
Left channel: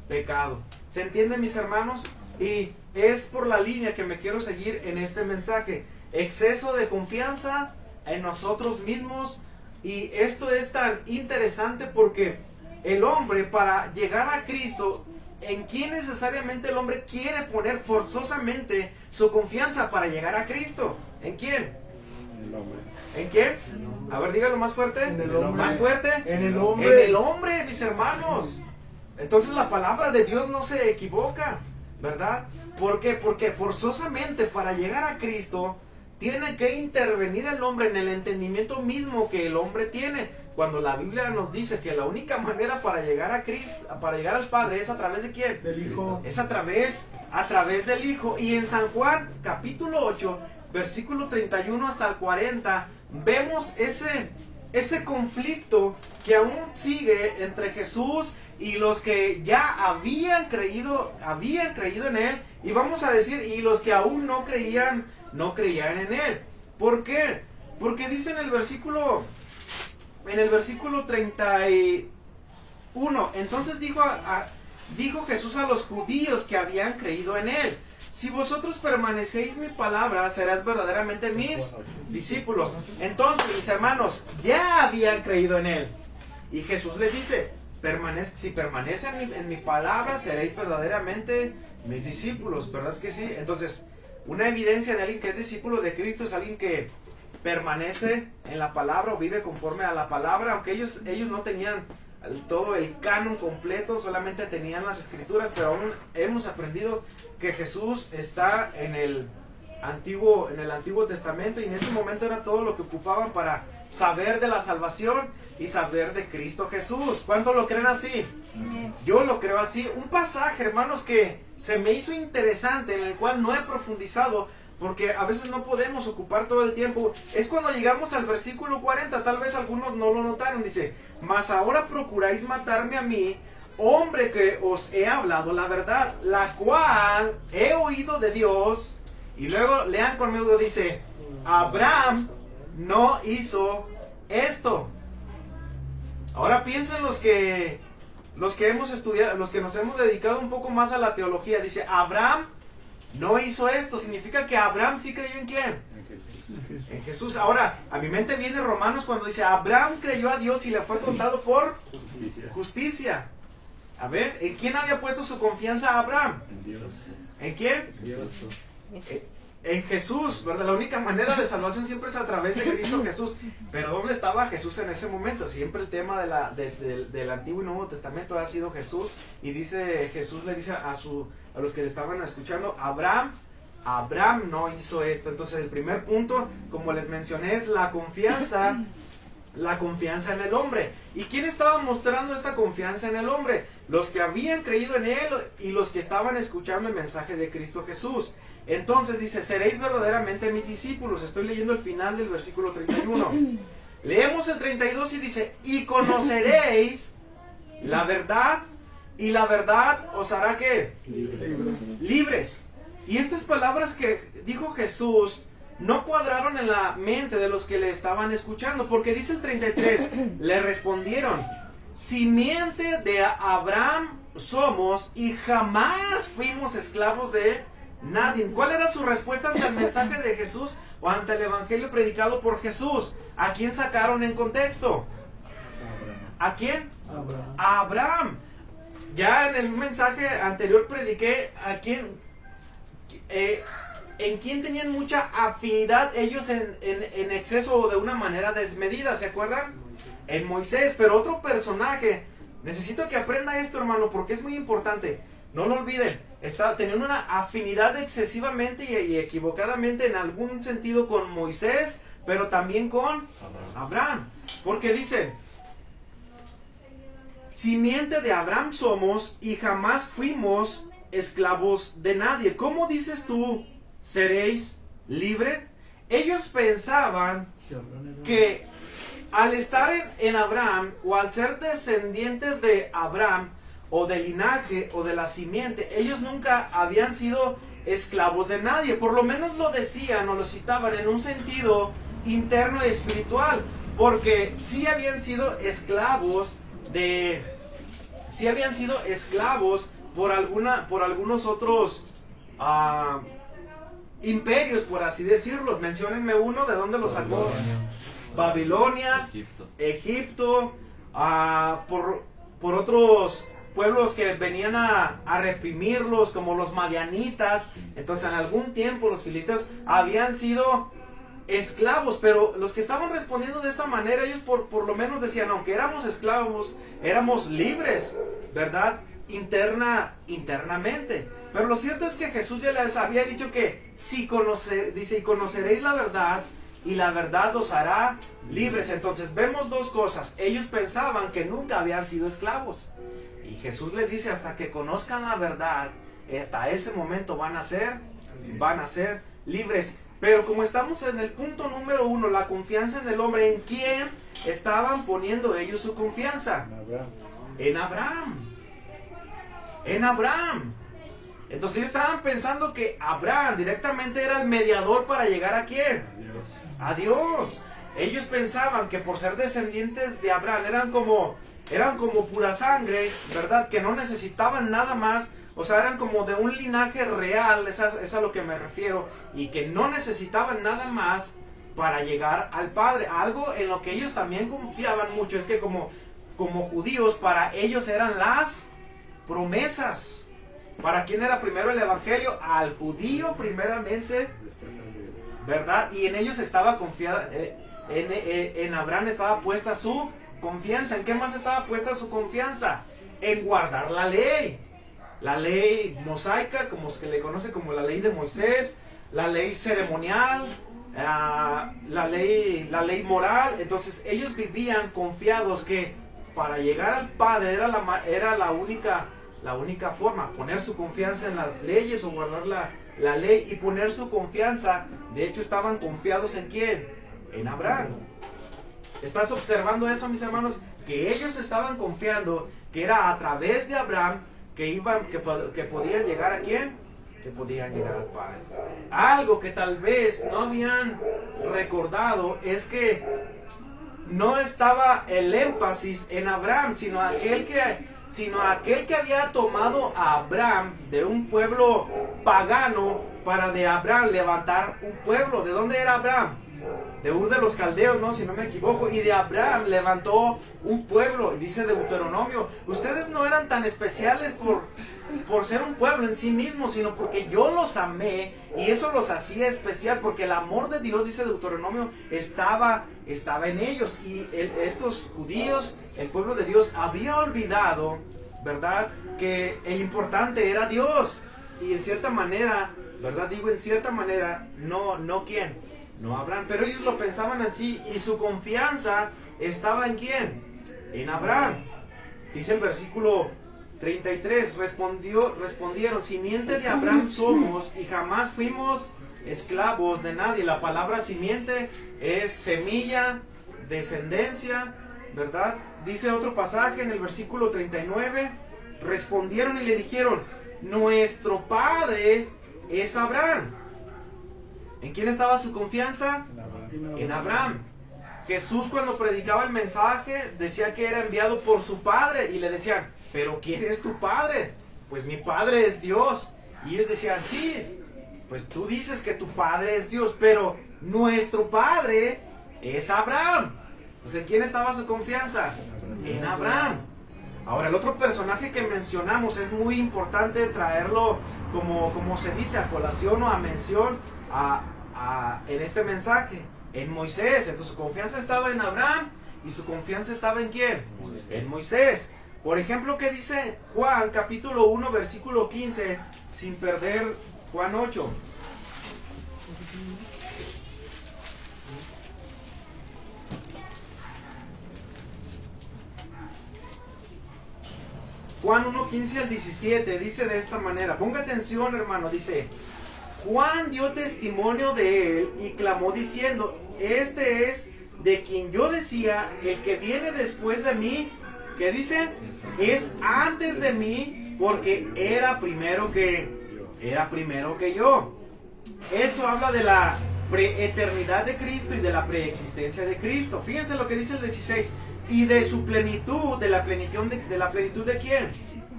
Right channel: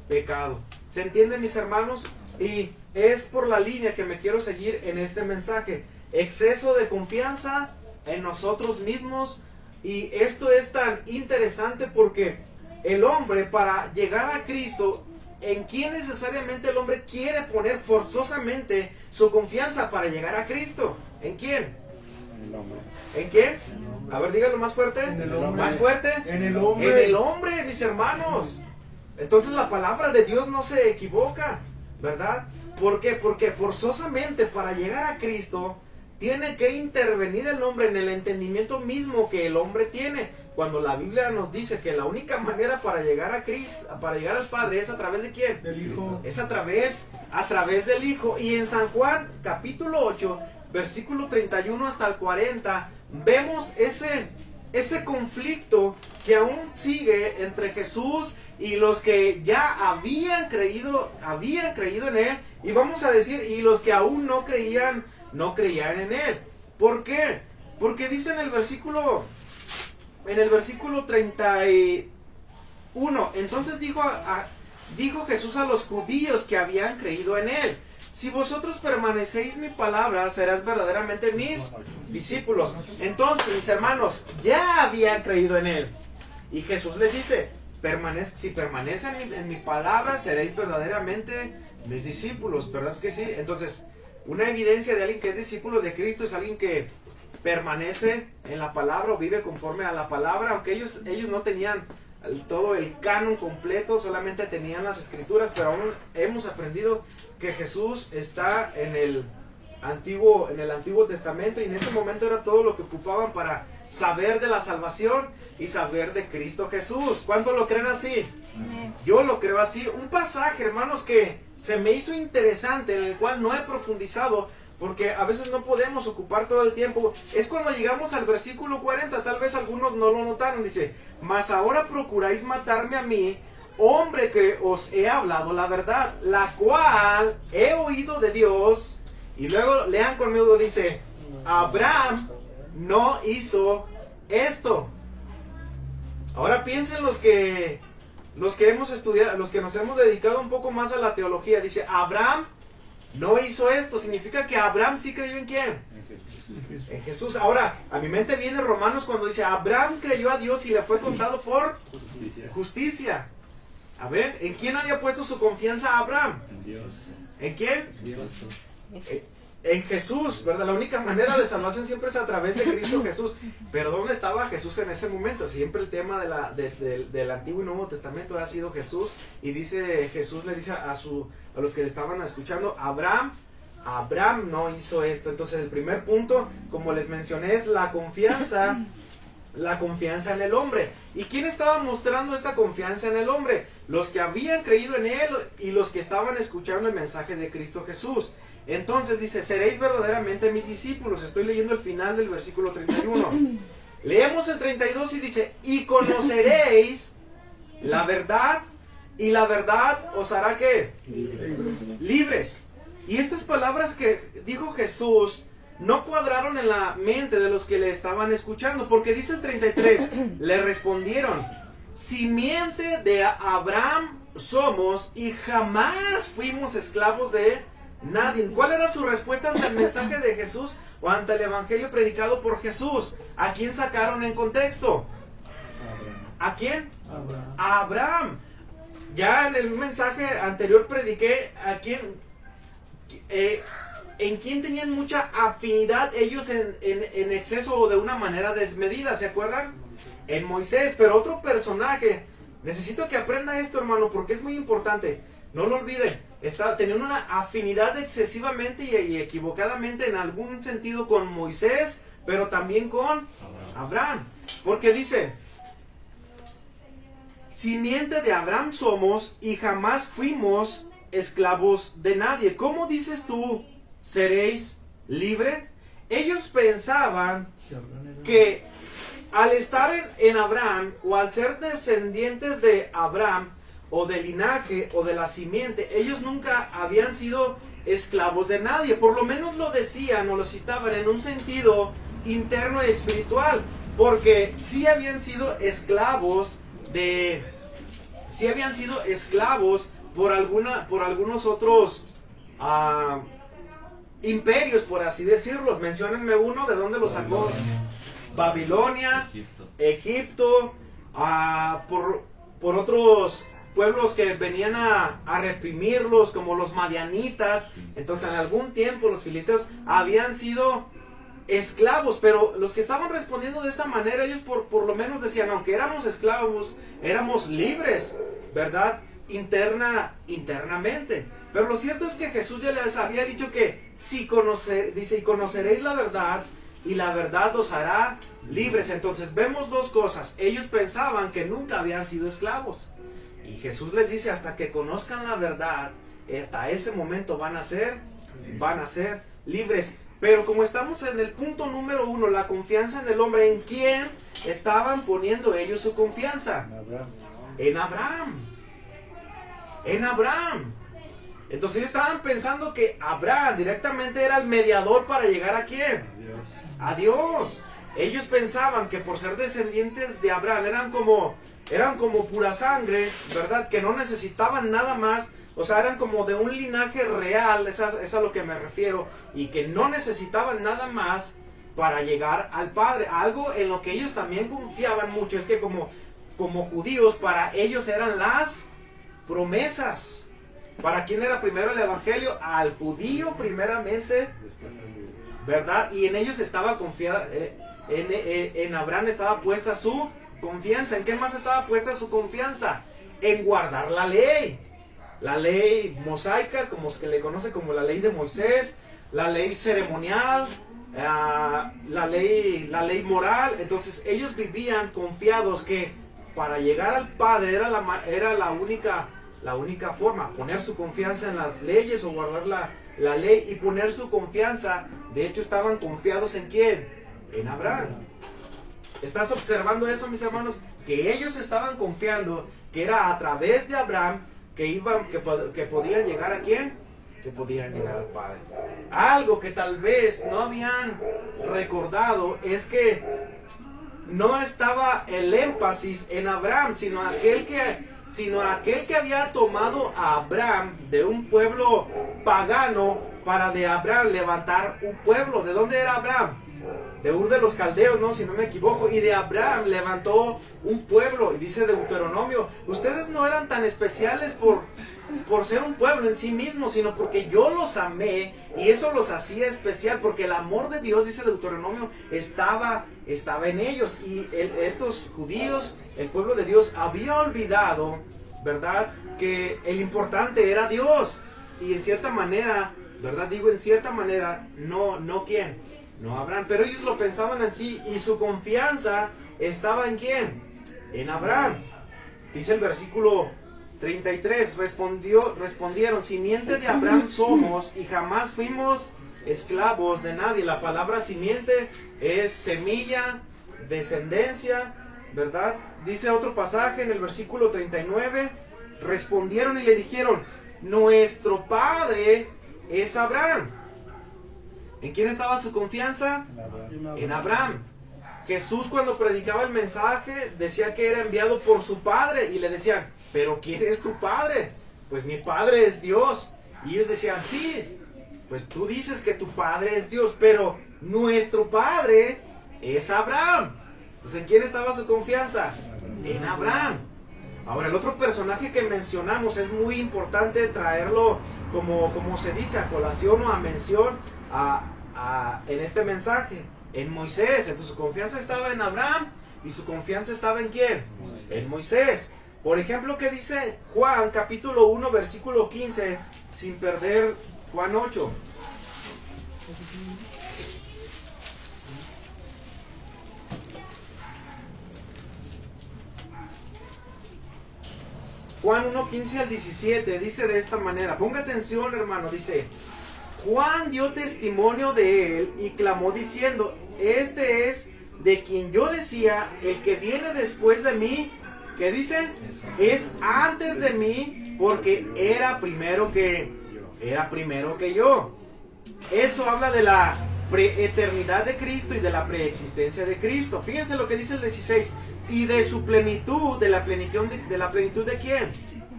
pecado. ¿Se entiende, mis hermanos? Y es por la línea que me quiero seguir en este mensaje. Exceso de confianza en nosotros mismos. Y esto es tan interesante porque el hombre, para llegar a Cristo, ¿en quién necesariamente el hombre quiere poner forzosamente su confianza para llegar a Cristo? ¿En quién? El hombre. ¿En quién? A ver, dígalo más fuerte. En el hombre. Más fuerte. En el hombre. En el hombre, mis hermanos. Entonces la palabra de Dios no se equivoca, ¿verdad? ¿Por qué? Porque forzosamente para llegar a Cristo tiene que intervenir el hombre en el entendimiento mismo que el hombre tiene. Cuando la Biblia nos dice que la única manera para llegar a Cristo, para llegar al Padre, es a través de ¿quién? Del Hijo. Es a través del Hijo. Y en San Juan, capítulo 8, versículo 31 hasta el 40, vemos ese conflicto que aún sigue entre Jesús y los que ya habían creído en Él, y vamos a decir, y los que aún no creían en Él. ¿Por qué? Porque dice en el versículo 31, entonces dijo Jesús a los judíos que habían creído en Él: si vosotros permanecéis mi palabra, serás verdaderamente mis discípulos. Entonces, mis hermanos ya habían creído en Él. Y Jesús les dice: si permanecen en mi palabra, seréis verdaderamente mis discípulos, ¿verdad que sí? Entonces, una evidencia de alguien que es discípulo de Cristo es alguien que permanece en la palabra o vive conforme a la palabra, aunque ellos no tenían todo el canon completo, solamente tenían las escrituras, pero aún hemos aprendido que Jesús está en el Antiguo Testamento, y en ese momento era todo lo que ocupaban para saber de la salvación y saber de Cristo Jesús. ¿Cuántos lo creen así? Amén. Yo lo creo así. Un pasaje, hermanos, que se me hizo interesante, en el cual no he profundizado, porque a veces no podemos ocupar todo el tiempo, es cuando llegamos al versículo 40, tal vez algunos no lo notaron, dice: mas ahora procuráis matarme a mí, hombre que os he hablado la verdad, la cual he oído de Dios. Y luego lean conmigo, dice, Abraham no hizo esto. Ahora piensen los que hemos estudiado, los que nos hemos dedicado un poco más a la teología. Dice, Abraham no hizo esto. Significa que Abraham sí creyó en quién. En Jesús. Ahora, a mi mente viene Romanos cuando dice, Abraham creyó a Dios y le fue contado por justicia. A ver, ¿en quién había puesto su confianza Abraham? En Dios. ¿En quién? Dios. En Jesús, ¿verdad? La única manera de salvación siempre es a través de Cristo Jesús. Pero ¿dónde estaba Jesús en ese momento? Siempre el tema del Antiguo y Nuevo Testamento ha sido Jesús. Y dice, Jesús le dice a los que le estaban escuchando, Abraham no hizo esto. Entonces el primer punto, como les mencioné, es la confianza en el hombre. ¿Y quién estaba mostrando esta confianza en el hombre? Los que habían creído en él y los que estaban escuchando el mensaje de Cristo Jesús. Entonces dice, seréis verdaderamente mis discípulos. Estoy leyendo el final del versículo 31. Leemos el 32 y dice, y conoceréis la verdad, y la verdad os hará ¿qué? Libres. Y estas palabras que dijo Jesús no cuadraron en la mente de los que le estaban escuchando, porque dice el 33, le respondieron, simiente de Abraham somos y jamás fuimos esclavos de nadie. ¿Cuál era su respuesta ante el mensaje de Jesús o ante el evangelio predicado por Jesús? ¿A quién sacaron en contexto? ¿A quién? A Abraham. Ya en el mensaje anterior prediqué a quién, en quién tenían mucha afinidad ellos en exceso o de una manera desmedida, ¿se acuerdan? En Moisés. Pero otro personaje, necesito que aprenda esto, hermano, porque es muy importante. No lo olviden, teniendo una afinidad excesivamente y equivocadamente en algún sentido con Moisés, pero también con Abraham. Porque dice, simiente de Abraham somos y jamás fuimos esclavos de nadie. ¿Cómo dices tú, seréis libres? Ellos pensaban que al estar en Abraham o al ser descendientes de Abraham, o del linaje, o de la simiente, ellos nunca habían sido esclavos de nadie. Por lo menos lo decían o lo citaban en un sentido interno espiritual, porque sí habían sido esclavos por algunos otros imperios, por así decirlo. Menciónenme uno, ¿de dónde lo sacó? Babilonia, Egipto, por otros pueblos que venían a reprimirlos, como los madianitas. Entonces en algún tiempo los filisteos habían sido esclavos, pero los que estaban respondiendo de esta manera, ellos por lo menos decían, aunque éramos esclavos, éramos libres, ¿verdad? Internamente. Pero lo cierto es que Jesús ya les había dicho que y conoceréis la verdad, y la verdad os hará libres. Entonces vemos dos cosas. Ellos pensaban que nunca habían sido esclavos, y Jesús les dice, hasta que conozcan la verdad, hasta ese momento van a ser libres. Pero como estamos en el punto número 1, la confianza en el hombre, ¿en quién estaban poniendo ellos su confianza? En Abraham. Entonces ellos estaban pensando que Abraham directamente era el mediador para llegar ¿a quién? A Dios. Ellos pensaban que por ser descendientes de Abraham eran como pura sangre, ¿verdad? Que no necesitaban nada más. O sea, eran como de un linaje real, es a lo que me refiero, y que no necesitaban nada más para llegar al Padre. Algo en lo que ellos también confiaban mucho es que como judíos, para ellos eran las promesas. ¿Para quién era primero el evangelio? Al judío primeramente, ¿verdad? Y en ellos estaba confiada, en Abraham estaba puesta su confianza. ¿En qué más estaba puesta su confianza? En guardar la ley. La ley mosaica, como se le conoce como la ley de Moisés, la ley ceremonial, la ley moral. Entonces ellos vivían confiados que para llegar al Padre era la única forma, poner su confianza en las leyes o guardar la ley y poner su confianza. De hecho estaban confiados ¿en quién? En Abraham. ¿Estás observando eso, mis hermanos? que ellos estaban confiando que era a través de Abraham que podían llegar a quién, que podían llegar al Padre. Algo que tal vez no habían recordado es que no estaba el énfasis en Abraham, sino aquel que había tomado a Abraham de un pueblo pagano para de Abraham levantar un pueblo. ¿De dónde era Abraham? De Ur de los Caldeos, ¿no? Si no me equivoco. Y de Abraham levantó un pueblo. Y dice Deuteronomio, ustedes no eran tan especiales por ser un pueblo en sí mismos, sino porque yo los amé y eso los hacía especial, porque el amor de Dios, dice Deuteronomio, estaba en ellos. Y estos judíos, el pueblo de Dios, había olvidado, ¿verdad?, que el importante era Dios. Y en cierta manera, ¿verdad? Digo en cierta manera, no ¿quién? No Abraham, pero ellos lo pensaban así y su confianza estaba en ¿quién? En Abraham. Dice el versículo 33, respondieron, simiente de Abraham somos y jamás fuimos esclavos de nadie. La palabra simiente es semilla, descendencia, ¿verdad? Dice otro pasaje en el versículo 39, respondieron y le dijeron, nuestro padre es Abraham. ¿En quién estaba su confianza? En Abraham. Jesús, cuando predicaba el mensaje, decía que era enviado por su Padre y le decían, ¿pero quién es tu Padre? Pues mi Padre es Dios. Y ellos decían, sí, pues tú dices que tu Padre es Dios, pero nuestro Padre es Abraham. Entonces, ¿en quién estaba su confianza? En Abraham. Ahora, el otro personaje que mencionamos es muy importante traerlo como se dice, a colación o a mención en este mensaje. En Moisés. Entonces su confianza estaba en Abraham y su confianza estaba en ¿quién? En Moisés. Por ejemplo, ¿qué dice Juan capítulo 1 versículo 15? Sin perder Juan 8. Juan 1, 15 al 17 dice de esta manera. Ponga atención, hermano. Dice, Juan dio testimonio de él y clamó diciendo, este es de quien yo decía, el que viene después de mí, ¿qué dice? Es antes de mí, porque era primero que yo. Eso habla de la preeternidad de Cristo y de la preexistencia de Cristo. Fíjense lo que dice el 16, y de su plenitud, de la plenitud de ¿quién?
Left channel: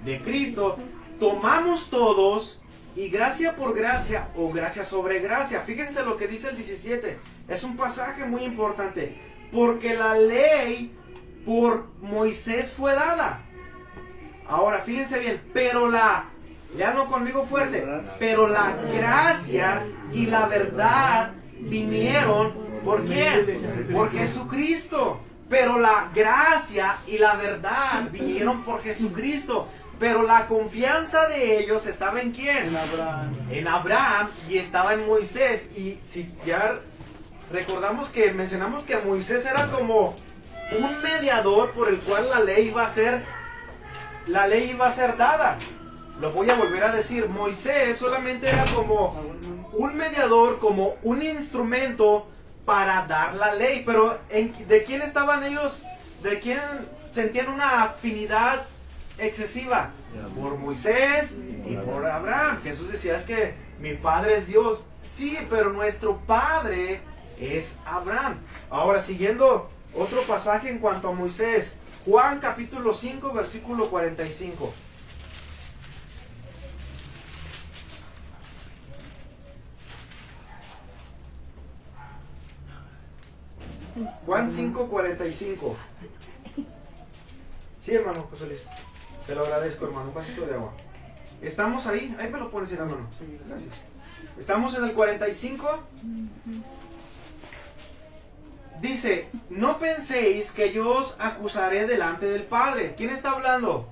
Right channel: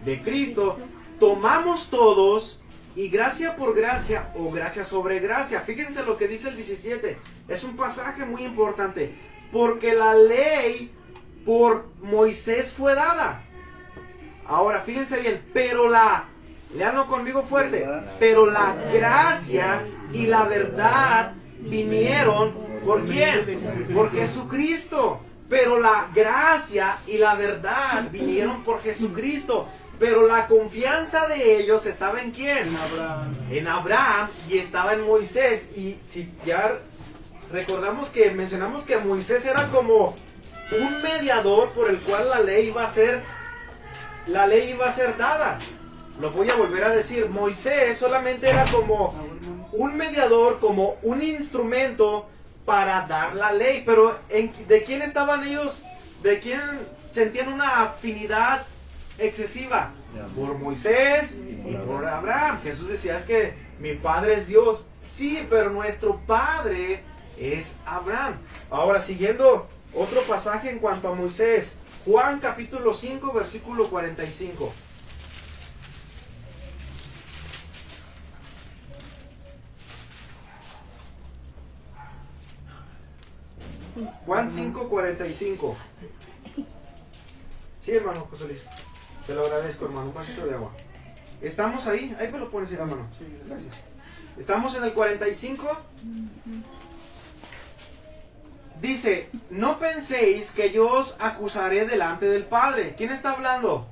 De Cristo, tomamos todos, y gracia por gracia o gracia sobre gracia. Fíjense lo que dice el 17. Es un pasaje muy importante. Porque la ley por Moisés fue dada. Ahora, fíjense bien. Pero leanlo conmigo fuerte. Pero la gracia y la verdad vinieron ¿por quién? Por Jesucristo. Pero la gracia y la verdad vinieron por Jesucristo. Pero la confianza de ellos estaba en ¿quién? En Abraham y estaba en Moisés. Y si ya recordamos que mencionamos que Moisés era como un mediador por el cual la ley iba a ser dada. Lo voy a volver a decir. Moisés solamente era como un mediador, como un instrumento para dar la ley. Pero ¿de quién estaban ellos? ¿De quién sentían una afinidad excesiva? Por Moisés y por Abraham. Jesús decía, es que mi Padre es Dios. Sí, pero nuestro Padre es Abraham. Ahora, siguiendo otro pasaje en cuanto a Moisés, Juan capítulo 5 versículo 45. Juan 5:45. Sí, hermano José Luis. Te lo agradezco, hermano. Un vasito de agua. ¿Estamos ahí? Ahí me lo pones, hermano. Gracias. ¿Estamos en el 45? Dice, no penséis que yo os acusaré delante del Padre. ¿Quién está hablando?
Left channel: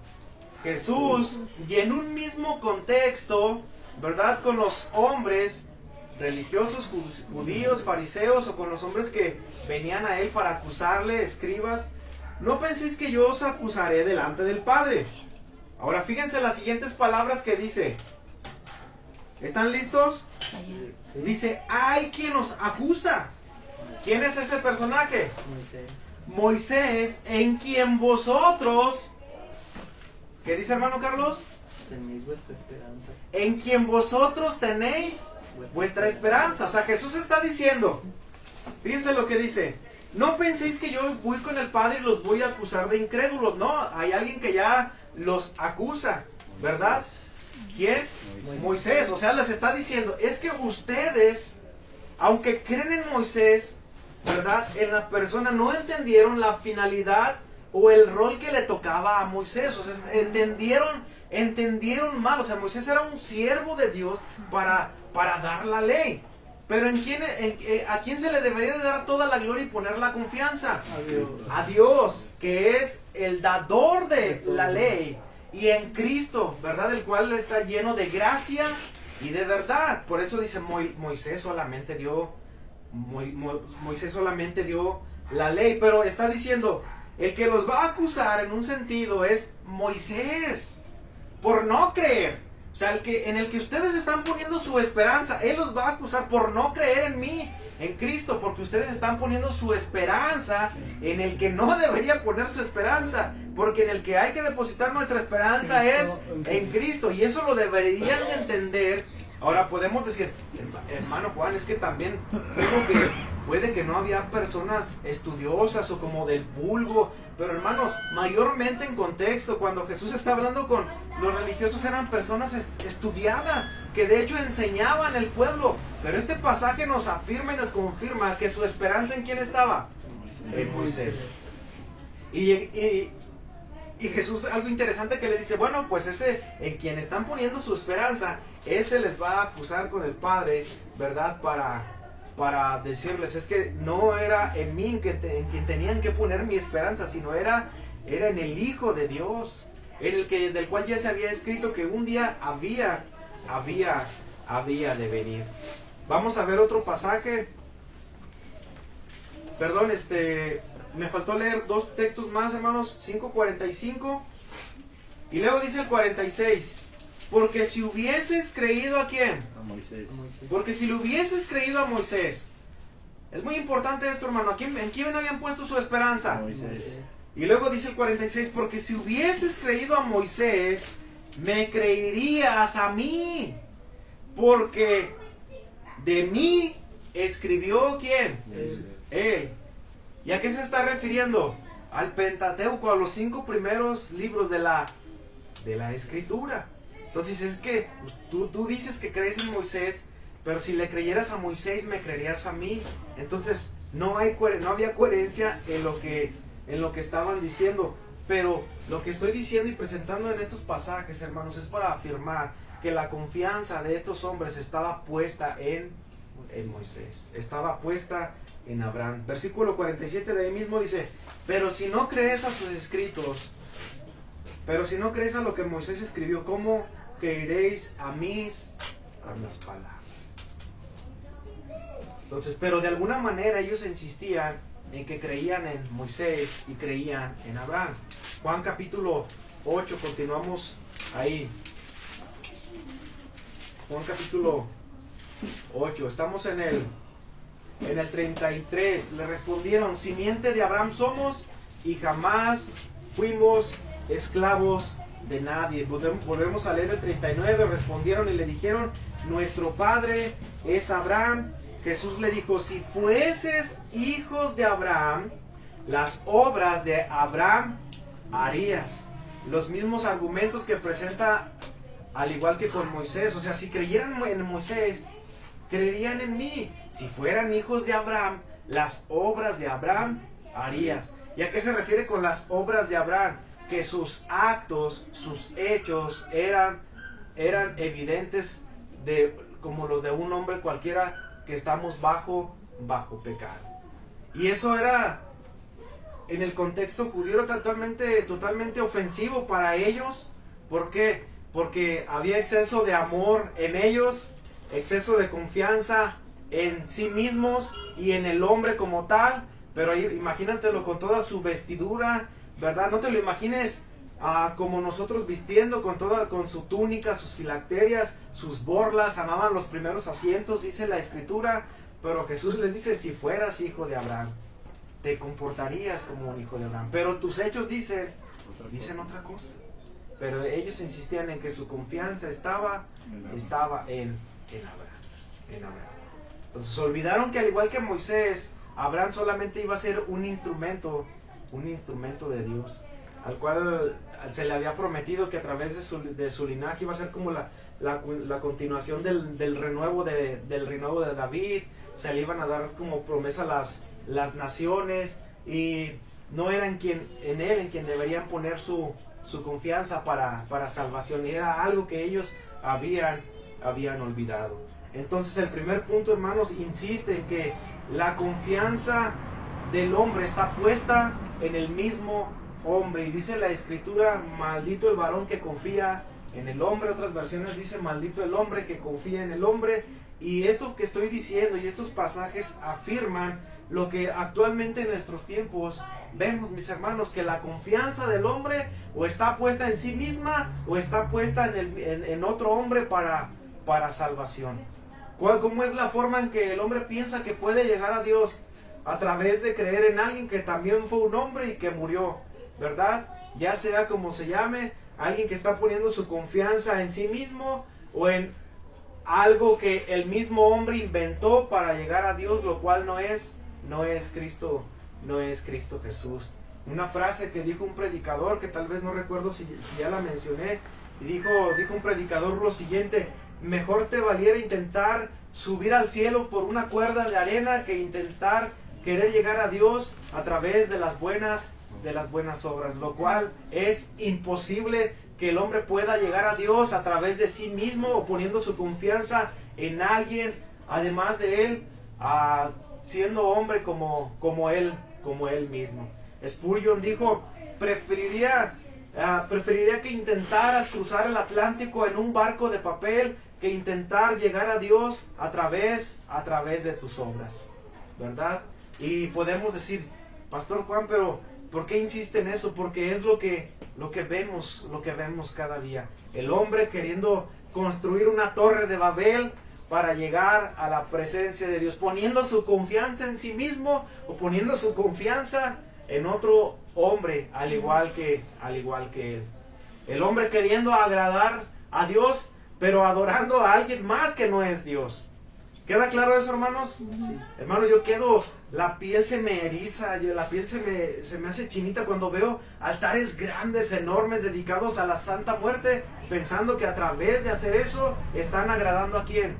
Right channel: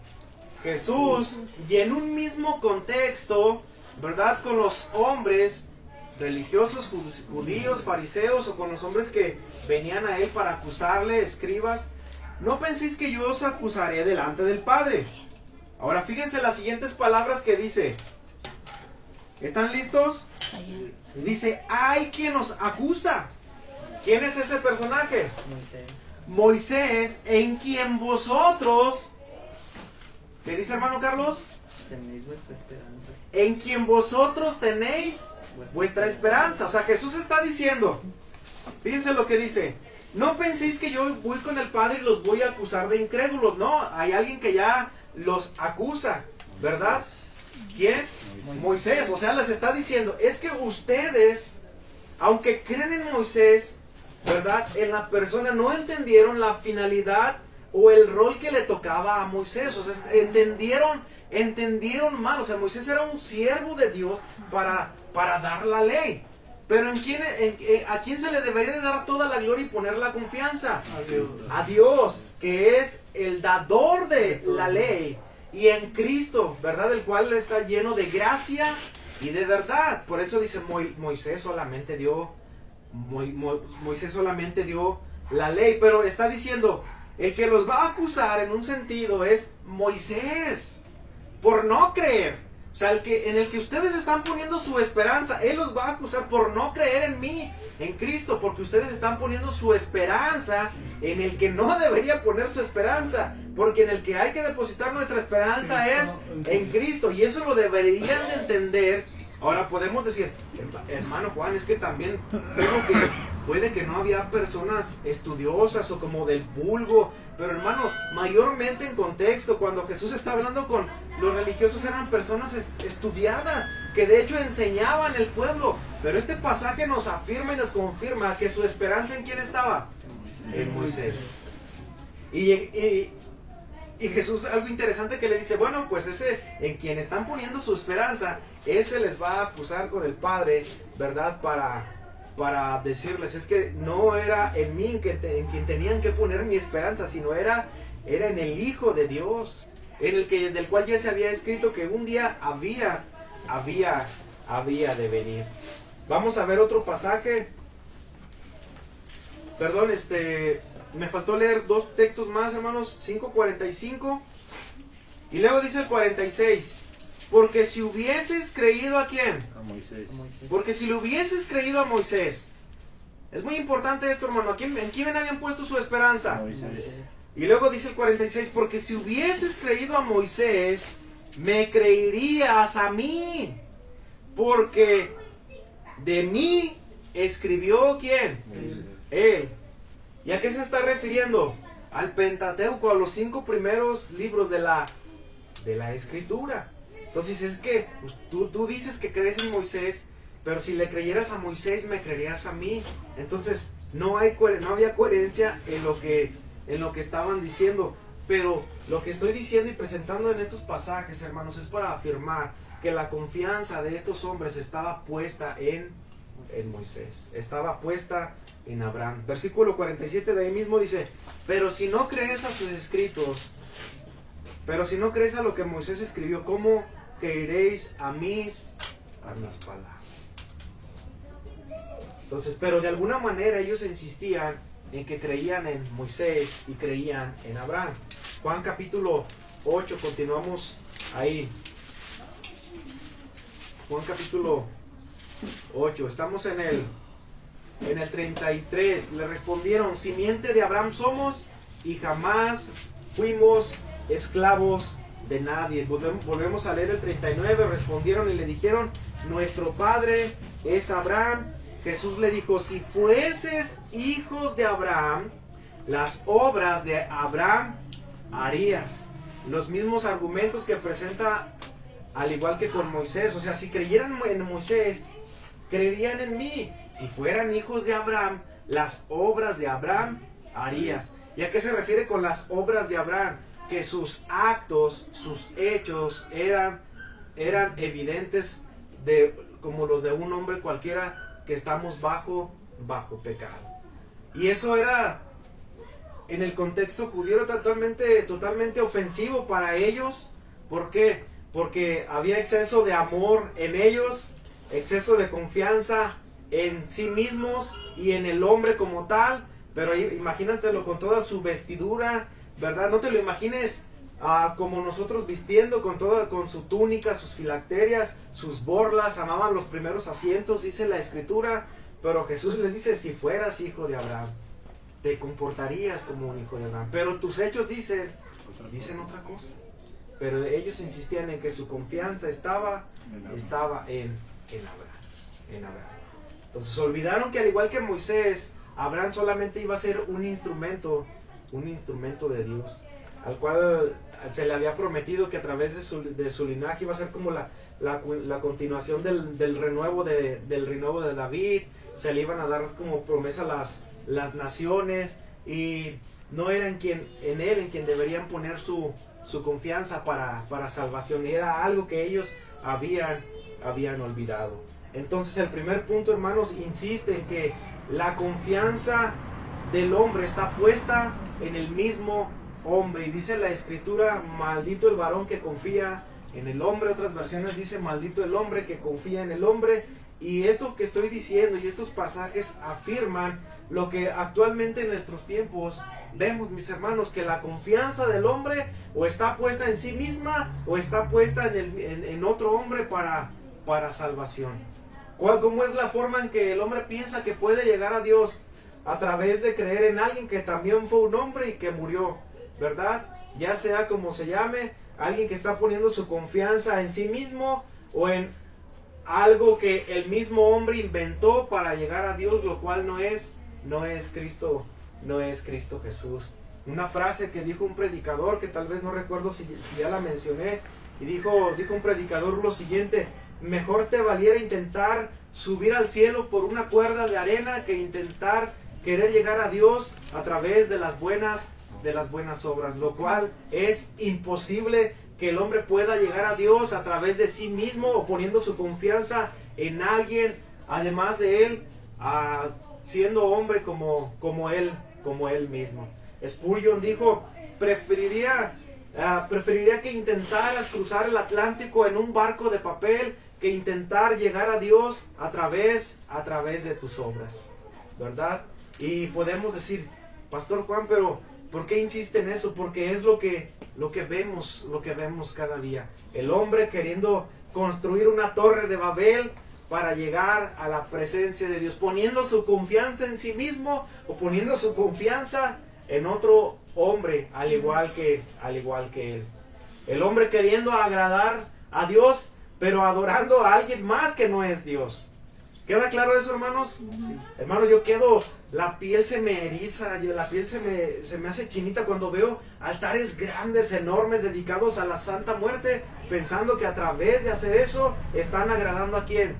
Jesús. Y en un mismo contexto, ¿verdad? Con los hombres religiosos, judíos, fariseos, o con los hombres que venían a él para acusarle, escribas. No penséis que yo os acusaré delante del Padre. Ahora fíjense las siguientes palabras que dice. ¿Están listos? Dice, hay quien os acusa. ¿Quién es ese personaje? Moisés, en quien vosotros, ¿qué dice hermano Carlos? Tenéis vuestra esperanza. En quien vosotros tenéis vuestra esperanza. O sea, Jesús está diciendo, fíjense lo que dice, no penséis que yo voy con el Padre y los voy a acusar de incrédulos. No, hay alguien que ya los acusa, ¿verdad? ¿Quién? Moisés. O sea, les está diciendo, es que ustedes, aunque creen en Moisés, ¿verdad? En la persona, no entendieron la finalidad o el rol que le tocaba a Moisés. O sea, entendieron mal. O sea, Moisés era un siervo de Dios para dar la ley. Pero ¿a quién se le debería de dar toda la gloria y poner la confianza? A Dios, que es el dador de la ley. Y en Cristo, ¿verdad? El cual está lleno de gracia y de verdad. Por eso dice Moisés solamente dio la ley. Pero está diciendo, el que los va a acusar en un sentido es Moisés, por no creer. O sea, en el que ustedes están poniendo su esperanza, Él los va a acusar por no creer en mí, en Cristo, porque ustedes están poniendo su esperanza en el que no debería poner su esperanza, porque en el que hay que depositar nuestra esperanza es en Cristo, y eso lo deberían de entender. Ahora podemos decir, hermano Juan, es que también puede que no había personas estudiosas o como del vulgo, pero hermano, mayormente en contexto, cuando Jesús está hablando con los religiosos, eran personas estudiadas, que de hecho enseñaban el pueblo. Pero este pasaje nos afirma y nos confirma que su esperanza, ¿en quién estaba? En Moisés. Y Jesús, algo interesante que le dice, bueno, pues ese en quien están poniendo su esperanza, ese les va a acusar con el Padre, ¿verdad? Para decirles, es que no era en mí en quien tenían que poner mi esperanza, sino era en el Hijo de Dios, del cual ya se había escrito que un día había de venir. Vamos a ver otro pasaje. Perdón, me faltó leer dos textos más, hermanos. 5:45 y luego dice el 46. Porque si hubieses creído ¿a quién? A Moisés. Porque si le hubieses creído a Moisés. Es muy importante esto, hermano. ¿En quién habían puesto su esperanza? Moisés. Y luego dice el 46. Porque si hubieses creído a Moisés, me creerías a mí. Porque de mí escribió ¿quién? Él. ¿Y a qué se está refiriendo? Al Pentateuco, a los 5 primeros libros de la Escritura. Entonces es que pues, tú dices que crees en Moisés, pero si le creyeras a Moisés, me creerías a mí. Entonces no había coherencia en lo que estaban diciendo. Pero lo que estoy diciendo y presentando en estos pasajes, hermanos, es para afirmar que la confianza de estos hombres estaba puesta en Moisés. Estaba puesta en Abraham. Versículo 47 de ahí mismo dice, pero si no crees a sus escritos, pero si no crees a lo que Moisés escribió, ¿cómo creeréis a mis palabras? Entonces, pero de alguna manera ellos insistían en que creían en Moisés y creían en Abraham. Juan capítulo 8, continuamos ahí. Juan capítulo 8, estamos en el 33. Le respondieron, simiente de Abraham somos y jamás fuimos esclavos de nadie. Volvemos a leer el 39. Respondieron y le dijeron, nuestro padre es Abraham. Jesús le dijo, si fueses hijos de Abraham, las obras de Abraham harías. Los mismos argumentos que presenta al igual que con Moisés. O sea, si creyeran en Moisés, creerían en mí. Si fueran hijos de Abraham, las obras de Abraham harías. ¿Y a qué se refiere con las obras de Abraham? Que sus actos, sus hechos eran evidentes como los de un hombre cualquiera que estamos bajo pecado. Y eso era en el contexto judío totalmente ofensivo para ellos. ¿Por qué? Porque había exceso de amor en ellos, exceso de confianza en sí mismos y en el hombre como tal. Pero imagínatelo con toda su vestidura, ¿verdad? No te lo imagines como nosotros vistiendo con su túnica, sus filacterias, sus borlas. Amaban los primeros asientos, dice la Escritura. Pero Jesús les dice, si fueras hijo de Abraham. te comportarías como un hijo de Abraham. Pero tus hechos dicen otra cosa. Pero ellos insistían en que su confianza estaba en Abraham. Entonces olvidaron que al igual que Moisés, Abraham solamente iba a ser un instrumento de Dios, al cual se le había prometido que a través de su linaje iba a ser como la continuación del renuevo de David. Se le iban a dar como promesa las naciones, y no era en él en quien deberían poner su confianza para salvación, y era algo que ellos habían olvidado. Entonces el primer punto, hermanos, insiste en que la confianza del hombre está puesta en el mismo hombre, y dice la escritura: maldito el varón que confía en el hombre. Otras versiones dice: maldito el hombre que confía en el hombre. Y esto que estoy diciendo y estos pasajes afirman lo que actualmente en nuestros tiempos vemos, mis hermanos, que la confianza del hombre o está puesta en sí misma o está puesta en otro hombre para salvación. ¿Cómo es la forma en que el hombre piensa que puede llegar a Dios? A través de creer en alguien que también fue un hombre y que murió, ¿verdad? Ya sea como se llame, alguien que está poniendo su confianza en sí mismo o en algo que el mismo hombre inventó para llegar a Dios, lo cual no es Cristo Jesús. Una frase que dijo un predicador, que tal vez no recuerdo si ya la mencioné, y dijo un predicador lo siguiente: mejor te valiera intentar subir al cielo por una cuerda de arena que intentar querer llegar a Dios a través de las buenas obras, lo cual es imposible que el hombre pueda llegar a Dios a través de sí mismo o poniendo su confianza en alguien además de él, siendo hombre como él mismo. Spurgeon dijo: preferiría que intentaras cruzar el Atlántico en un barco de papel que intentar llegar a Dios a través de tus obras, ¿verdad? Y podemos decir: Pastor Juan, pero ¿por qué insiste en eso? Porque es lo que vemos cada día. El hombre queriendo construir una torre de Babel para llegar a la presencia de Dios, poniendo su confianza en sí mismo o poniendo su confianza en otro hombre, al igual que él. El hombre queriendo agradar a Dios, pero adorando a alguien más que no es Dios. ¿Queda claro eso, hermanos? Sí. Hermano, la piel se me eriza, la piel se me hace chinita cuando veo altares grandes, enormes, dedicados a la Santa Muerte, pensando que a través de hacer eso están agradando ¿a quién?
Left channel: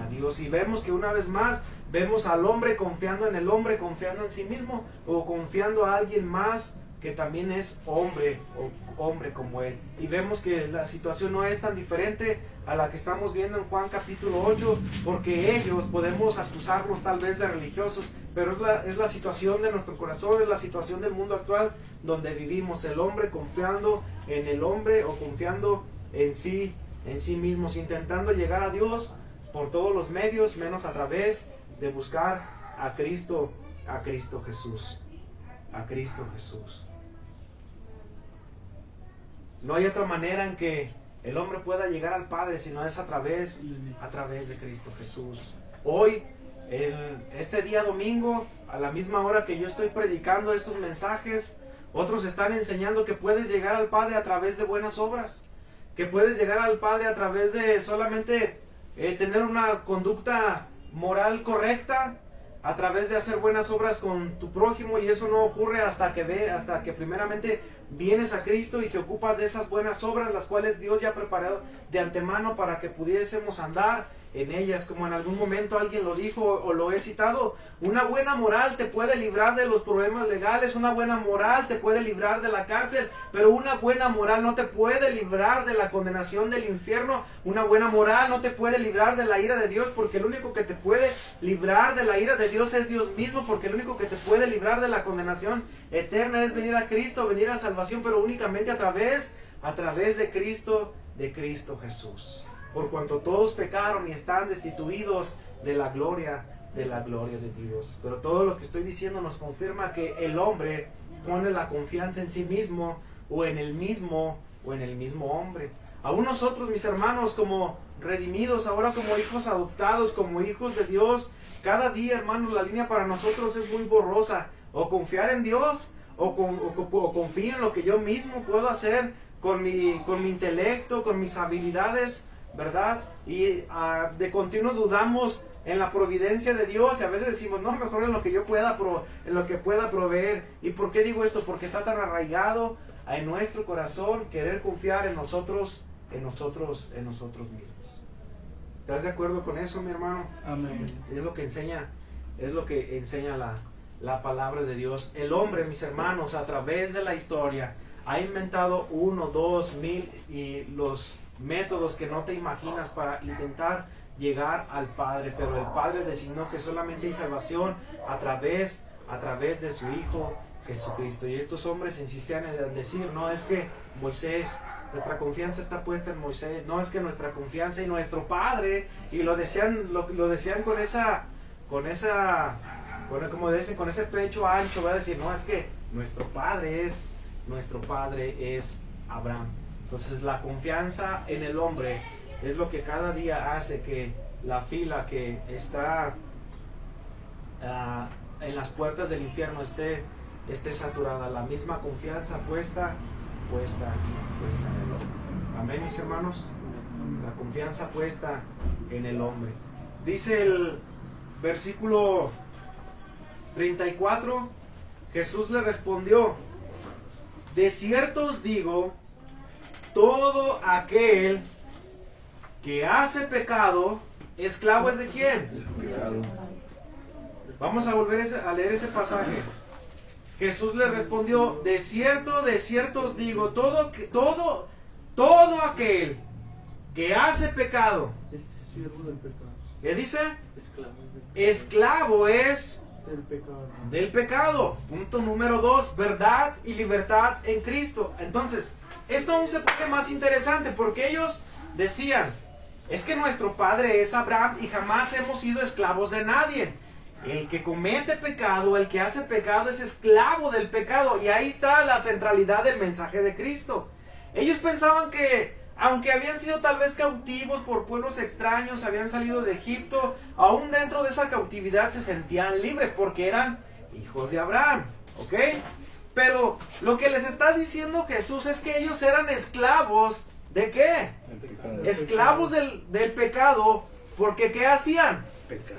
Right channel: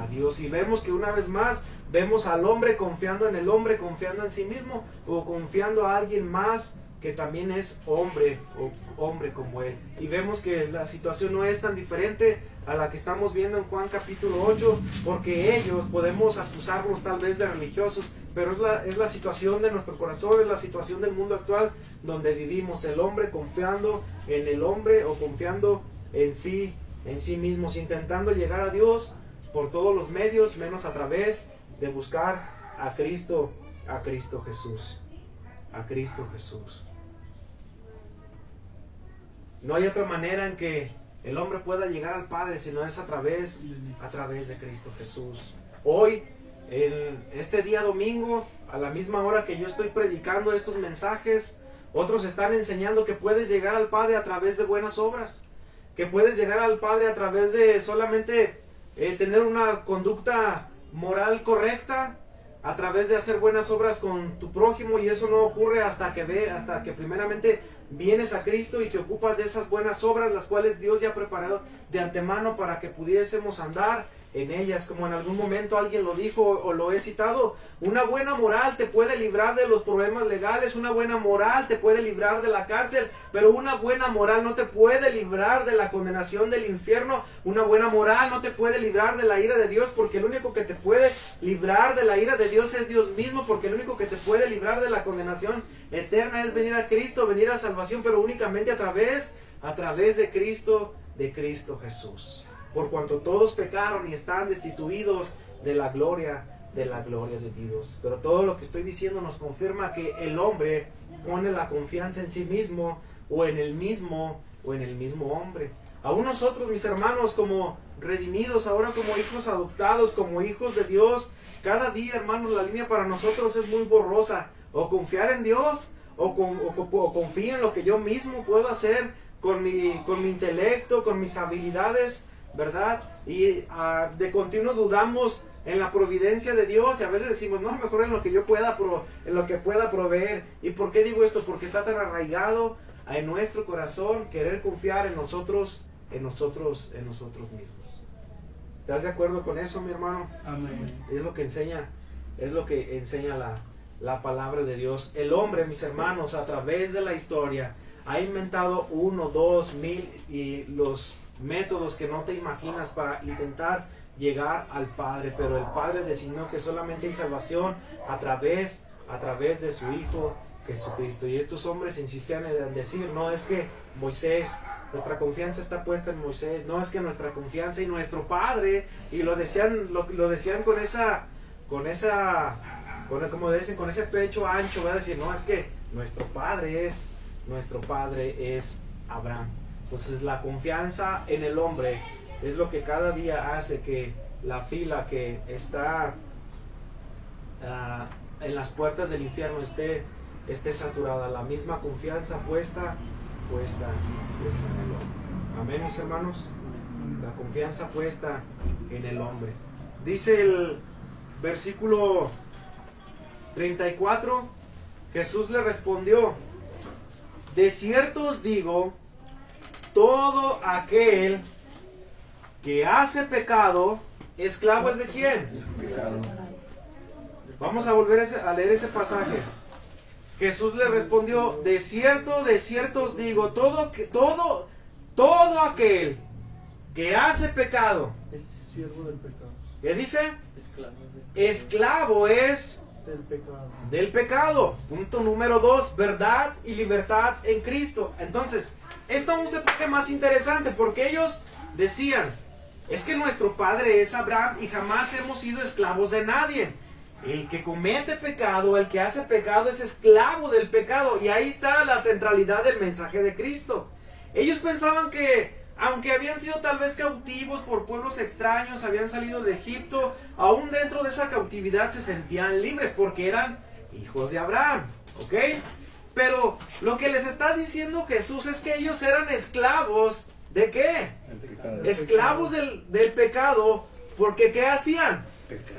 A Dios. Y vemos que una vez más vemos al hombre confiando en el hombre, confiando en sí mismo, o confiando a alguien más que también es hombre como él. Y vemos que la situación no es tan diferente a la que estamos viendo en Juan capítulo 8, porque ellos podemos acusarlos tal vez de religiosos, pero es la situación de nuestro corazón, es la situación del mundo actual donde vivimos, el hombre confiando en el hombre o confiando en sí mismos, intentando llegar a Dios por todos los medios, menos a través de buscar a Cristo Jesús. A Cristo Jesús. No hay otra manera en que el hombre pueda llegar al Padre si no es a través de Cristo Jesús. Hoy, este día domingo, a la misma hora que yo estoy predicando estos mensajes, otros están enseñando que puedes llegar al Padre a través de buenas obras, que puedes llegar al Padre a través de solamente tener una conducta moral correcta, a través de hacer buenas obras con tu prójimo, y eso no ocurre hasta que primeramente vienes a Cristo y te ocupas de esas buenas obras, las cuales Dios ya preparó de antemano para que pudiésemos andar en ellas. Como en algún momento alguien lo dijo o lo he citado: una buena moral te puede librar de los problemas legales, una buena moral te puede librar de la cárcel, pero una buena moral no te puede librar de la condenación del infierno. Una buena moral no te puede librar de la ira de Dios, porque el único que te puede librar de la ira de Dios es Dios mismo, porque el único que te puede librar de la condenación eterna es venir a Cristo, venir a salvación, pero únicamente a través de Cristo Jesús. Por cuanto todos pecaron y están destituidos de la gloria de Dios. Pero todo lo que estoy diciendo nos confirma que el hombre pone la confianza en sí mismo o en el mismo hombre. Aún nosotros, mis hermanos, como redimidos, ahora como hijos adoptados, como hijos de Dios, cada día, hermanos, la línea para nosotros es muy borrosa, o confiar en Dios, o confío en lo que yo mismo puedo hacer con mi intelecto, con mis habilidades, ¿verdad? Y de continuo dudamos en la providencia de Dios, y a veces decimos, no, mejor en lo que yo pueda, en lo que pueda proveer. ¿Y por qué digo esto? Porque está tan arraigado en nuestro corazón querer confiar en nosotros mismos. ¿Estás de acuerdo con eso, mi hermano? Amén. Es lo que enseña la palabra de Dios. El hombre, mis hermanos, a través de la historia, ha inventado 1, 2, 1000 y los métodos que no te imaginas para intentar llegar al Padre, pero el Padre designó que solamente hay salvación a través de su Hijo Jesucristo. Y estos hombres insistían en decir, no es que Moisés, nuestra confianza está puesta en Moisés, no es que nuestra confianza en nuestro Padre, y lo decían con ese pecho ancho, va a decir, no, es que nuestro Padre es Abraham. Entonces la confianza en el hombre es lo que cada día hace que la fila que está en las puertas del infierno esté saturada. La misma confianza puesta en el hombre. Amén, mis hermanos. La confianza puesta en el hombre. Dice el versículo 34, Jesús le respondió, de cierto os digo, todo aquel que hace pecado, esclavo es de quién? Pecado. Vamos a volver a leer ese pasaje. Jesús le respondió, de cierto os digo, todo aquel que hace pecado, Es siervo del pecado. ¿qué dice? Esclavo es Esclavo es del pecado. del pecado. Punto número 2, verdad y libertad en Cristo. Entonces, esto aún se pone más interesante porque ellos decían, es que nuestro padre es Abraham y jamás hemos sido esclavos de nadie. El que comete pecado, el que hace pecado es esclavo del pecado. Y ahí está la centralidad del mensaje de Cristo. Ellos pensaban que, aunque habían sido tal vez cautivos por pueblos extraños, habían salido de Egipto, aún dentro de esa cautividad se sentían libres porque eran hijos de Abraham, ¿ok? Pero lo que les está diciendo Jesús es que ellos eran esclavos, ¿de qué? Esclavos del pecado, porque ¿qué hacían?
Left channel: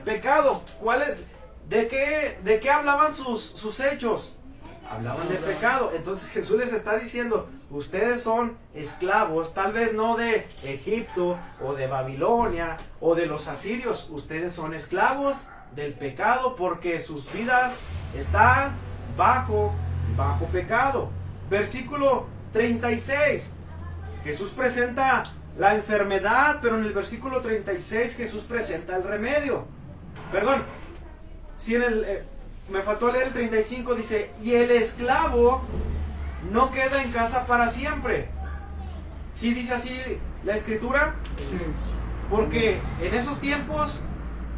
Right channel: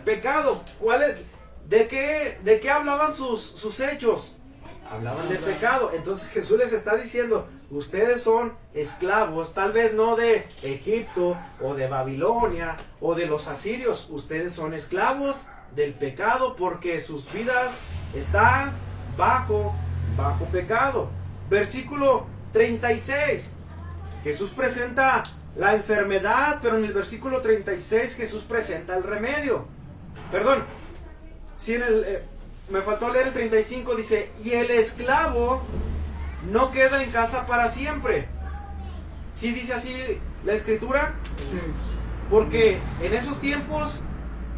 Pecado. ¿Cuál es? ¿De qué hablaban sus hechos? Hablaban de pecado. Entonces Jesús les está diciendo, ustedes son esclavos, tal vez no de Egipto o de Babilonia o de los asirios, ustedes son esclavos del pecado porque sus vidas están bajo pecado. Versículo 36, Jesús presenta la enfermedad, pero en el versículo 36 Jesús presenta el remedio. Perdón, si me faltó leer el 35, dice, y el esclavo no queda en casa para siempre. ¿Sí dice así la escritura? Sí. Porque en esos tiempos,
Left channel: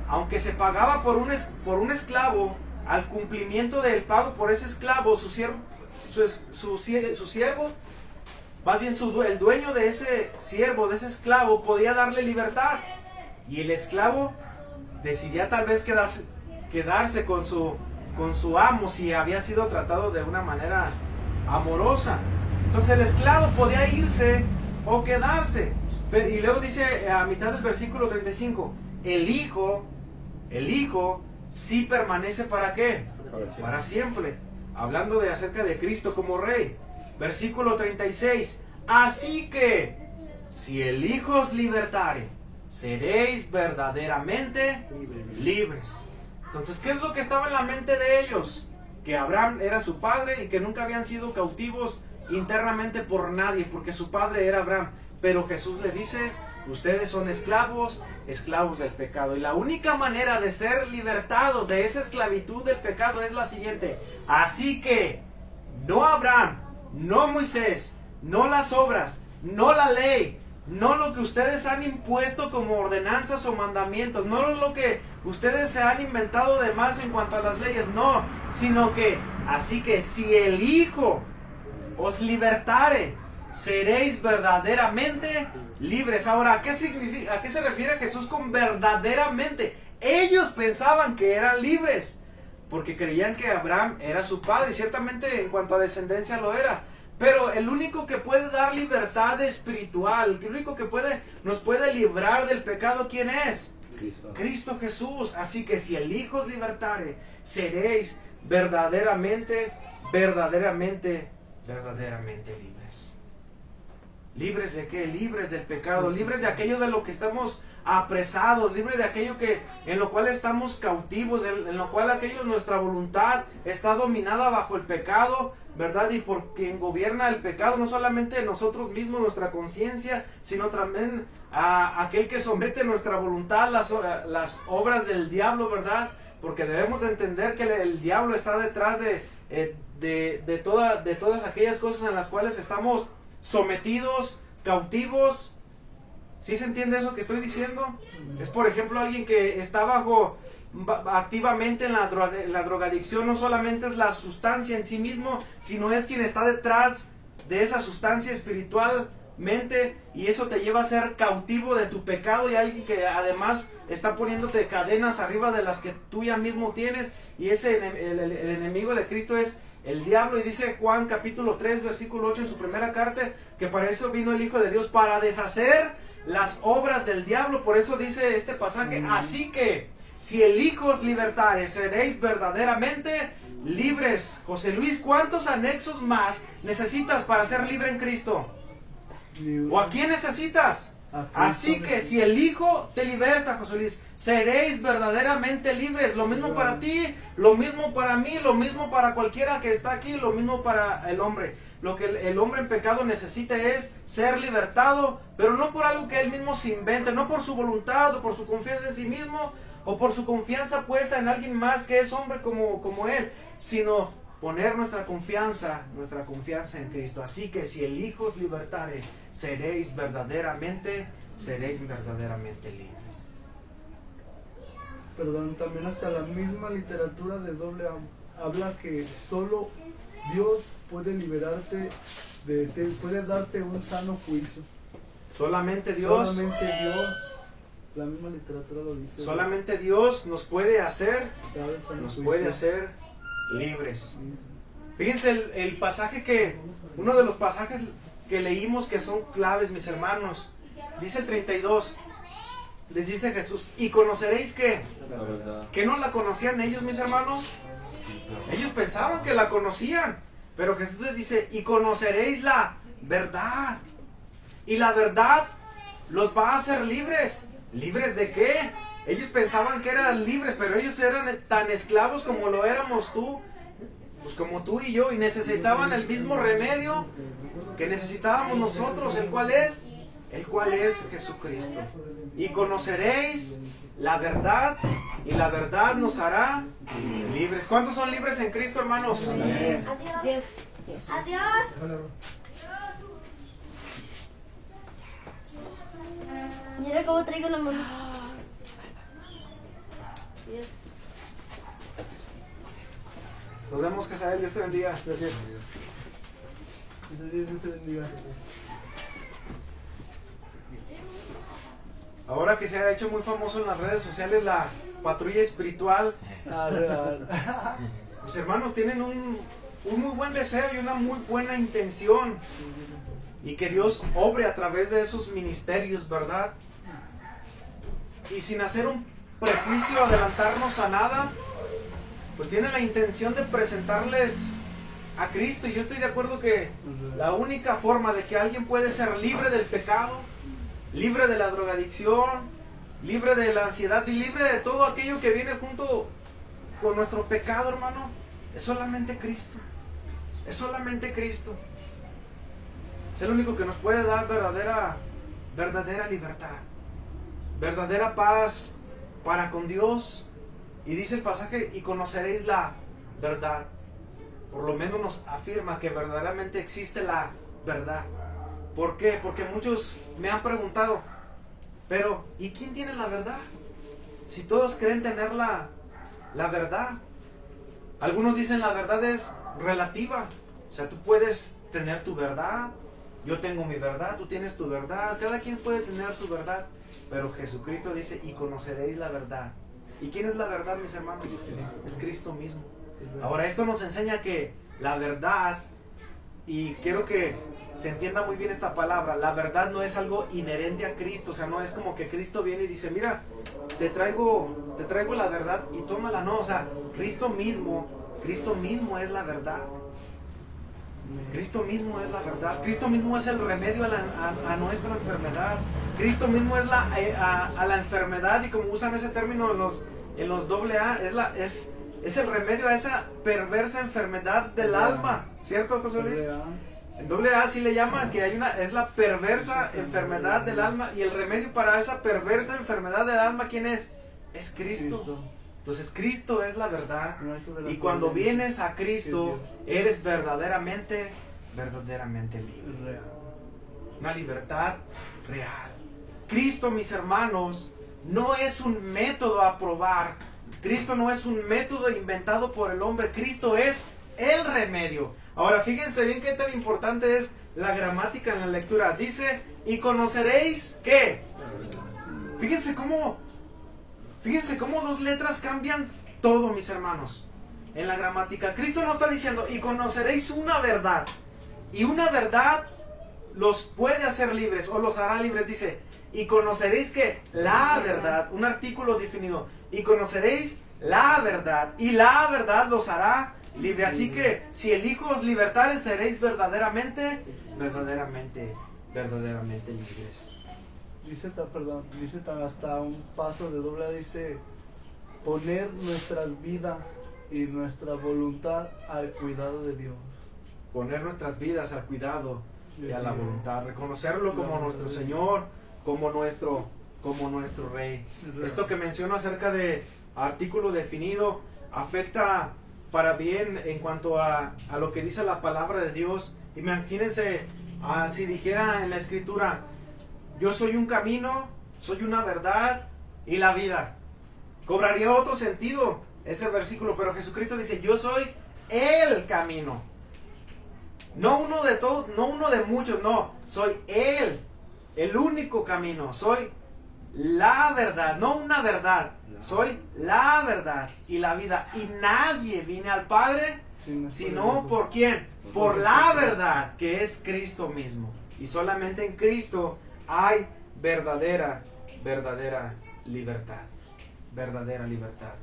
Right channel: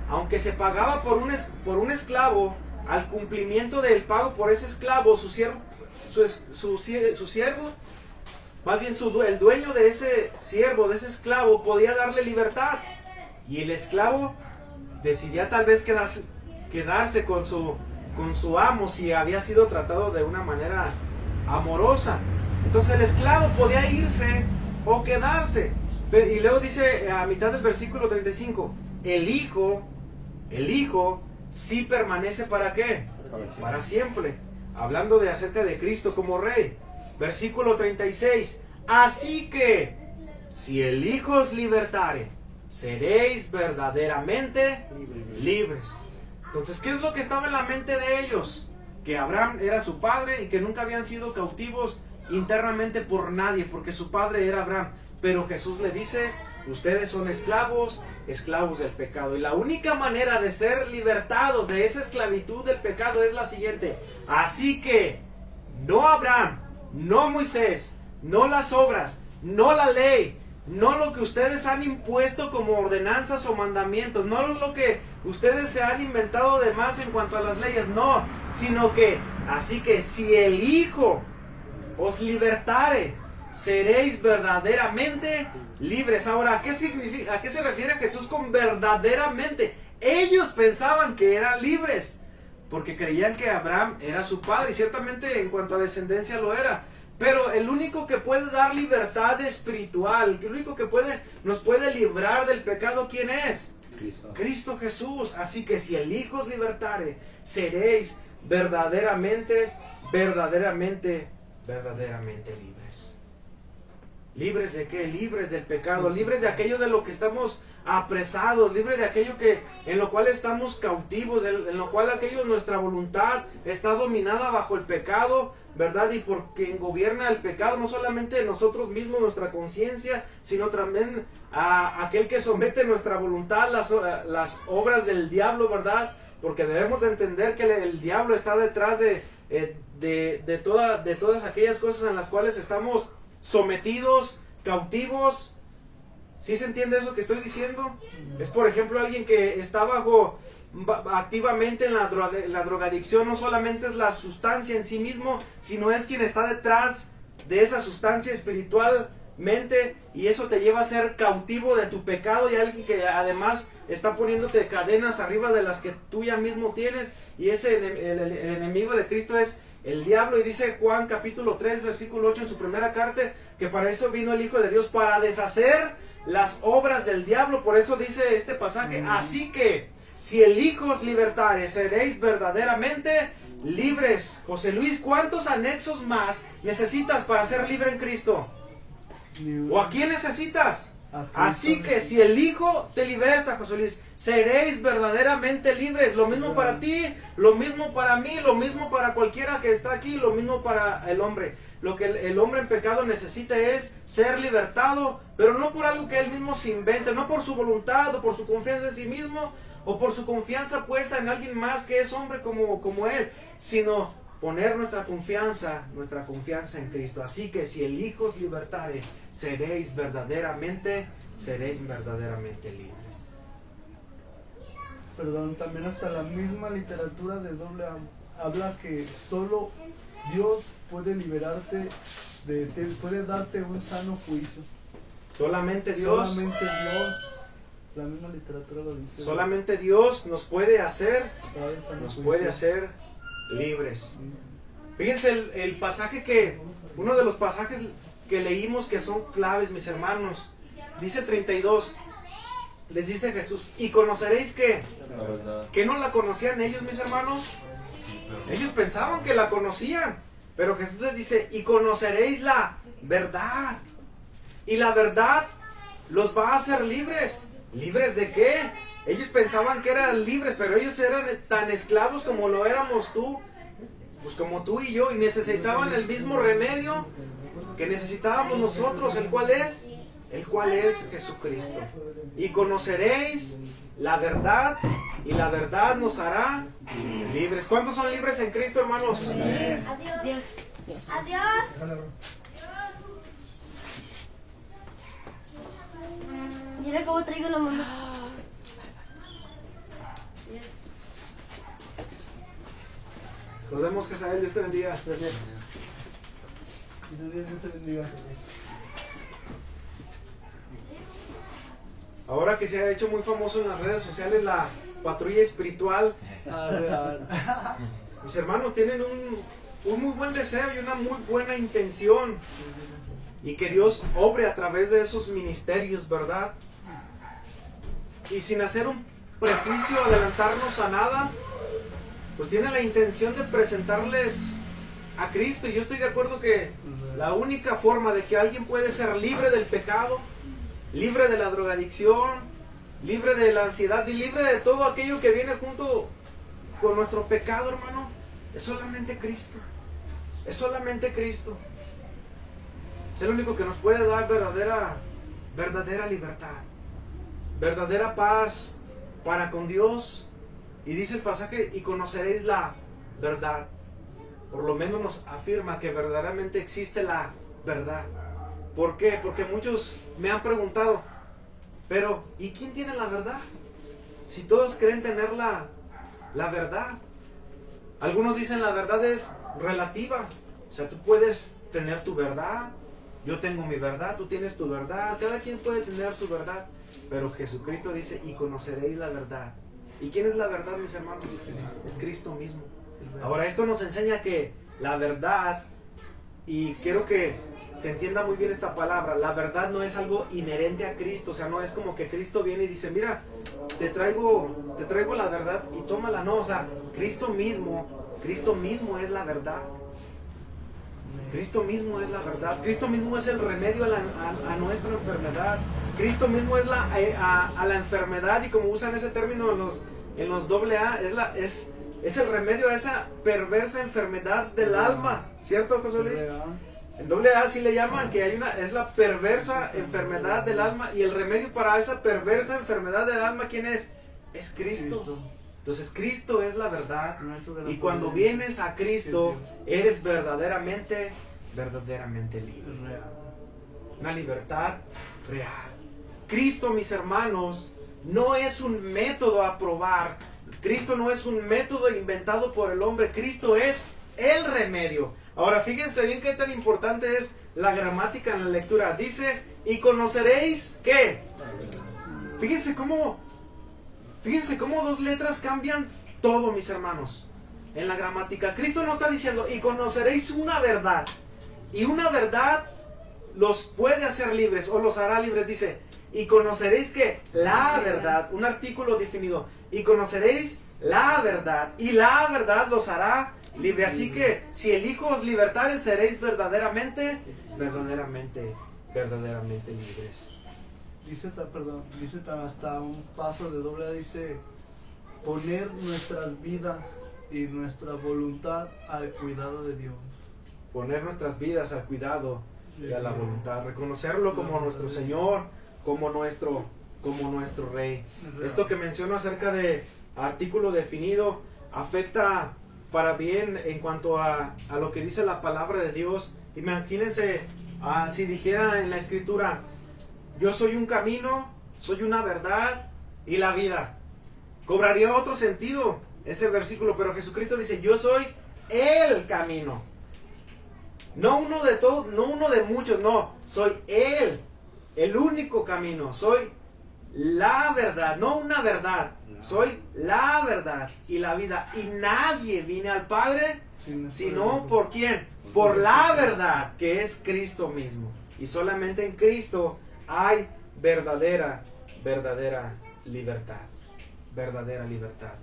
aunque se pagaba por un esclavo, al cumplimiento del pago por ese esclavo, su siervo, más bien el dueño de ese siervo, de ese esclavo, podía darle libertad. Y el esclavo decidía tal vez quedarse con su amo si había sido tratado de una manera amorosa. Entonces el esclavo podía irse o quedarse. Y luego dice a mitad del versículo 35, el hijo sí permanece ¿para qué? Para siempre. Hablando acerca de Cristo como rey. Versículo 36, así que si el Hijo os libertare, seréis verdaderamente libres. Entonces, ¿qué es lo que estaba en la mente de ellos? Que Abraham era su padre y que nunca habían sido cautivos internamente por nadie, porque su padre era Abraham. Pero Jesús le dice, ustedes son esclavos del pecado. Y la única manera de ser libertados de esa esclavitud del pecado es la siguiente. Así que, no Abraham, no Moisés, no las obras, no la ley, no lo que ustedes han impuesto como ordenanzas o mandamientos, no lo que ustedes se han inventado de más en cuanto a las leyes, no, sino que, así que si el Hijo os libertare, seréis verdaderamente libres. Ahora, ¿a qué se refiere Jesús con verdaderamente? Ellos pensaban que eran libres, porque creían que Abraham era su padre, y ciertamente en cuanto a descendencia lo era. Pero el único que puede dar libertad espiritual, el único que nos puede librar del pecado, ¿quién es? Cristo. Cristo Jesús. Así que si el Hijo os libertare, seréis verdaderamente libres. ¿Libres de qué? Libres del pecado, libres de aquello de lo que estamos apresados, libres de aquello en lo cual estamos cautivos, en lo cual nuestra voluntad está dominada bajo el pecado, ¿verdad? Y por quien gobierna el pecado, no solamente nosotros mismos, nuestra conciencia, sino también a aquel que somete nuestra voluntad, las obras del diablo, ¿verdad? Porque debemos de entender que el diablo está detrás de todas aquellas cosas en las cuales estamos sometidos, cautivos. ¿Sí se entiende eso que estoy diciendo? Es, por ejemplo, alguien que está activamente en la drogadicción. No solamente es la sustancia en sí mismo, sino es quien está detrás de esa sustancia espiritualmente, y eso te lleva a ser cautivo de tu pecado, y alguien que además está poniéndote cadenas arriba de las que tú ya mismo tienes, y ese el enemigo de Cristo es el diablo. Y dice Juan capítulo 3 versículo 8 en su primera carta, que para eso vino el Hijo de Dios, para deshacer las obras del diablo. Por eso dice este pasaje, así que si el Hijo os libertare, seréis verdaderamente libres. José Luis, ¿cuántos anexos más necesitas para ser libre en Cristo? ¿O a quién necesitas? Así que si el Hijo te liberta, José Luis, seréis verdaderamente libres. Lo mismo para ti, lo mismo para mí, lo mismo para cualquiera que está aquí, lo mismo para el hombre. Lo que el hombre en pecado necesita es ser libertado, pero no por algo que él mismo se invente, no por su voluntad o por su confianza en sí mismo, o por su confianza puesta en alguien más que es hombre como él, sino poner nuestra confianza en Cristo. Así que si el Hijo os libertare, seréis verdaderamente libres. Perdón, también hasta la misma literatura de doble habla que solo Dios puede liberarte, puede darte un sano juicio. Solamente Dios, la misma literatura lo dice. Solamente Dios nos puede hacer libres. Fíjense el pasaje uno de los pasajes que leímos que son claves, mis hermanos. Dice el 32, les dice Jesús, y conoceréis que no la conocían ellos, mis hermanos. Ellos pensaban que la conocían, pero Jesús les dice, y conoceréis la verdad, y la verdad los va a hacer libres. ¿Libres de qué? Ellos pensaban que eran libres, pero ellos eran tan esclavos como lo éramos tú, pues como tú y yo, y necesitaban el mismo remedio que necesitábamos nosotros, el cual es Jesucristo. Y conoceréis la verdad, y la verdad nos hará libres. ¿Cuántos son libres en Cristo, hermanos? Adiós. Adiós. Mira cómo traigo la mano. Nos vemos, Casael. Dios te bendiga. Gracias. Dios te bendiga. Ahora que se ha hecho muy famoso en las redes sociales la patrulla espiritual, mis hermanos tienen un muy buen deseo y una muy buena intención, y que Dios obre a través de esos ministerios, ¿verdad? Y sin hacer un prejuicio, adelantarnos a nada, pues tienen la intención de presentarles a Cristo. Y yo estoy de acuerdo que la única forma de que alguien puede ser libre del pecado, libre de la drogadicción, libre de la ansiedad y libre de todo aquello que viene junto con nuestro pecado, hermano, es solamente Cristo. Es solamente Cristo. Es el único que nos puede dar verdadera libertad, verdadera paz para con Dios. Y dice el pasaje, y conoceréis la verdad. Por lo menos nos afirma que verdaderamente existe la verdad. ¿Por qué? Porque muchos me han preguntado, pero ¿y quién tiene la verdad? Si todos creen tener la verdad. Algunos dicen la verdad es relativa. O sea, tú puedes tener tu verdad, yo tengo mi verdad, tú tienes tu verdad, cada quien puede tener su verdad. Pero Jesucristo dice, y conoceréis la verdad, ¿Y quién es la verdad, mis hermanos? Es Cristo mismo. Ahora, esto nos enseña que la verdad, y quiero que se entienda muy bien esta palabra, la verdad no es algo inherente a Cristo, o sea, no es como que Cristo viene y dice, mira, te traigo la verdad y tómala, no, o sea, Cristo mismo es la verdad. Cristo mismo es la verdad. Cristo mismo es el remedio a nuestra enfermedad. Cristo mismo es a la enfermedad, y como usan ese término en los AA, es el remedio a esa perversa enfermedad del alma, ¿cierto, José Luis? En AA sí le llaman que es la perversa enfermedad del alma, y el remedio para esa perversa enfermedad del alma, ¿quién es? Es Cristo. Entonces Cristo es la verdad, y cuando vienes a Cristo eres verdaderamente libre. Una libertad real. Cristo, mis hermanos, no es un método a probar. Cristo no es un método inventado por el hombre. Cristo es el remedio. Ahora fíjense bien qué tan importante es la gramática en la lectura. Dice, y conoceréis ¿qué? Fíjense cómo dos letras cambian todo, mis hermanos, en la gramática. Cristo no está diciendo, y conoceréis una verdad. Y una verdad los puede hacer libres o los hará libres. Dice, y conoceréis que la verdad, un artículo definido, y conoceréis la verdad, y la verdad los hará libres. Así que si el Hijo os libertare, seréis verdaderamente libres. Dice hasta un paso de doble A, dice, poner nuestras vidas y nuestra voluntad al cuidado de Dios. Poner nuestras vidas al cuidado y a la voluntad, reconocerlo como nuestro Señor, como nuestro Rey. Esto que menciono acerca de artículo definido afecta para bien en cuanto a lo que dice la palabra de Dios. Imagínense si dijera en la Escritura, yo soy un camino, soy una verdad y la vida. Cobraría otro sentido ese versículo, pero Jesucristo dice, yo soy el camino. No uno de todos, no uno de muchos, no. Soy el único camino. Soy la verdad, no una verdad. Soy la verdad y la vida. Y nadie viene al Padre sino ¿por quién? Por la verdad, que es Cristo mismo. Y solamente en Cristo hay verdadera libertad. Verdadera libertad.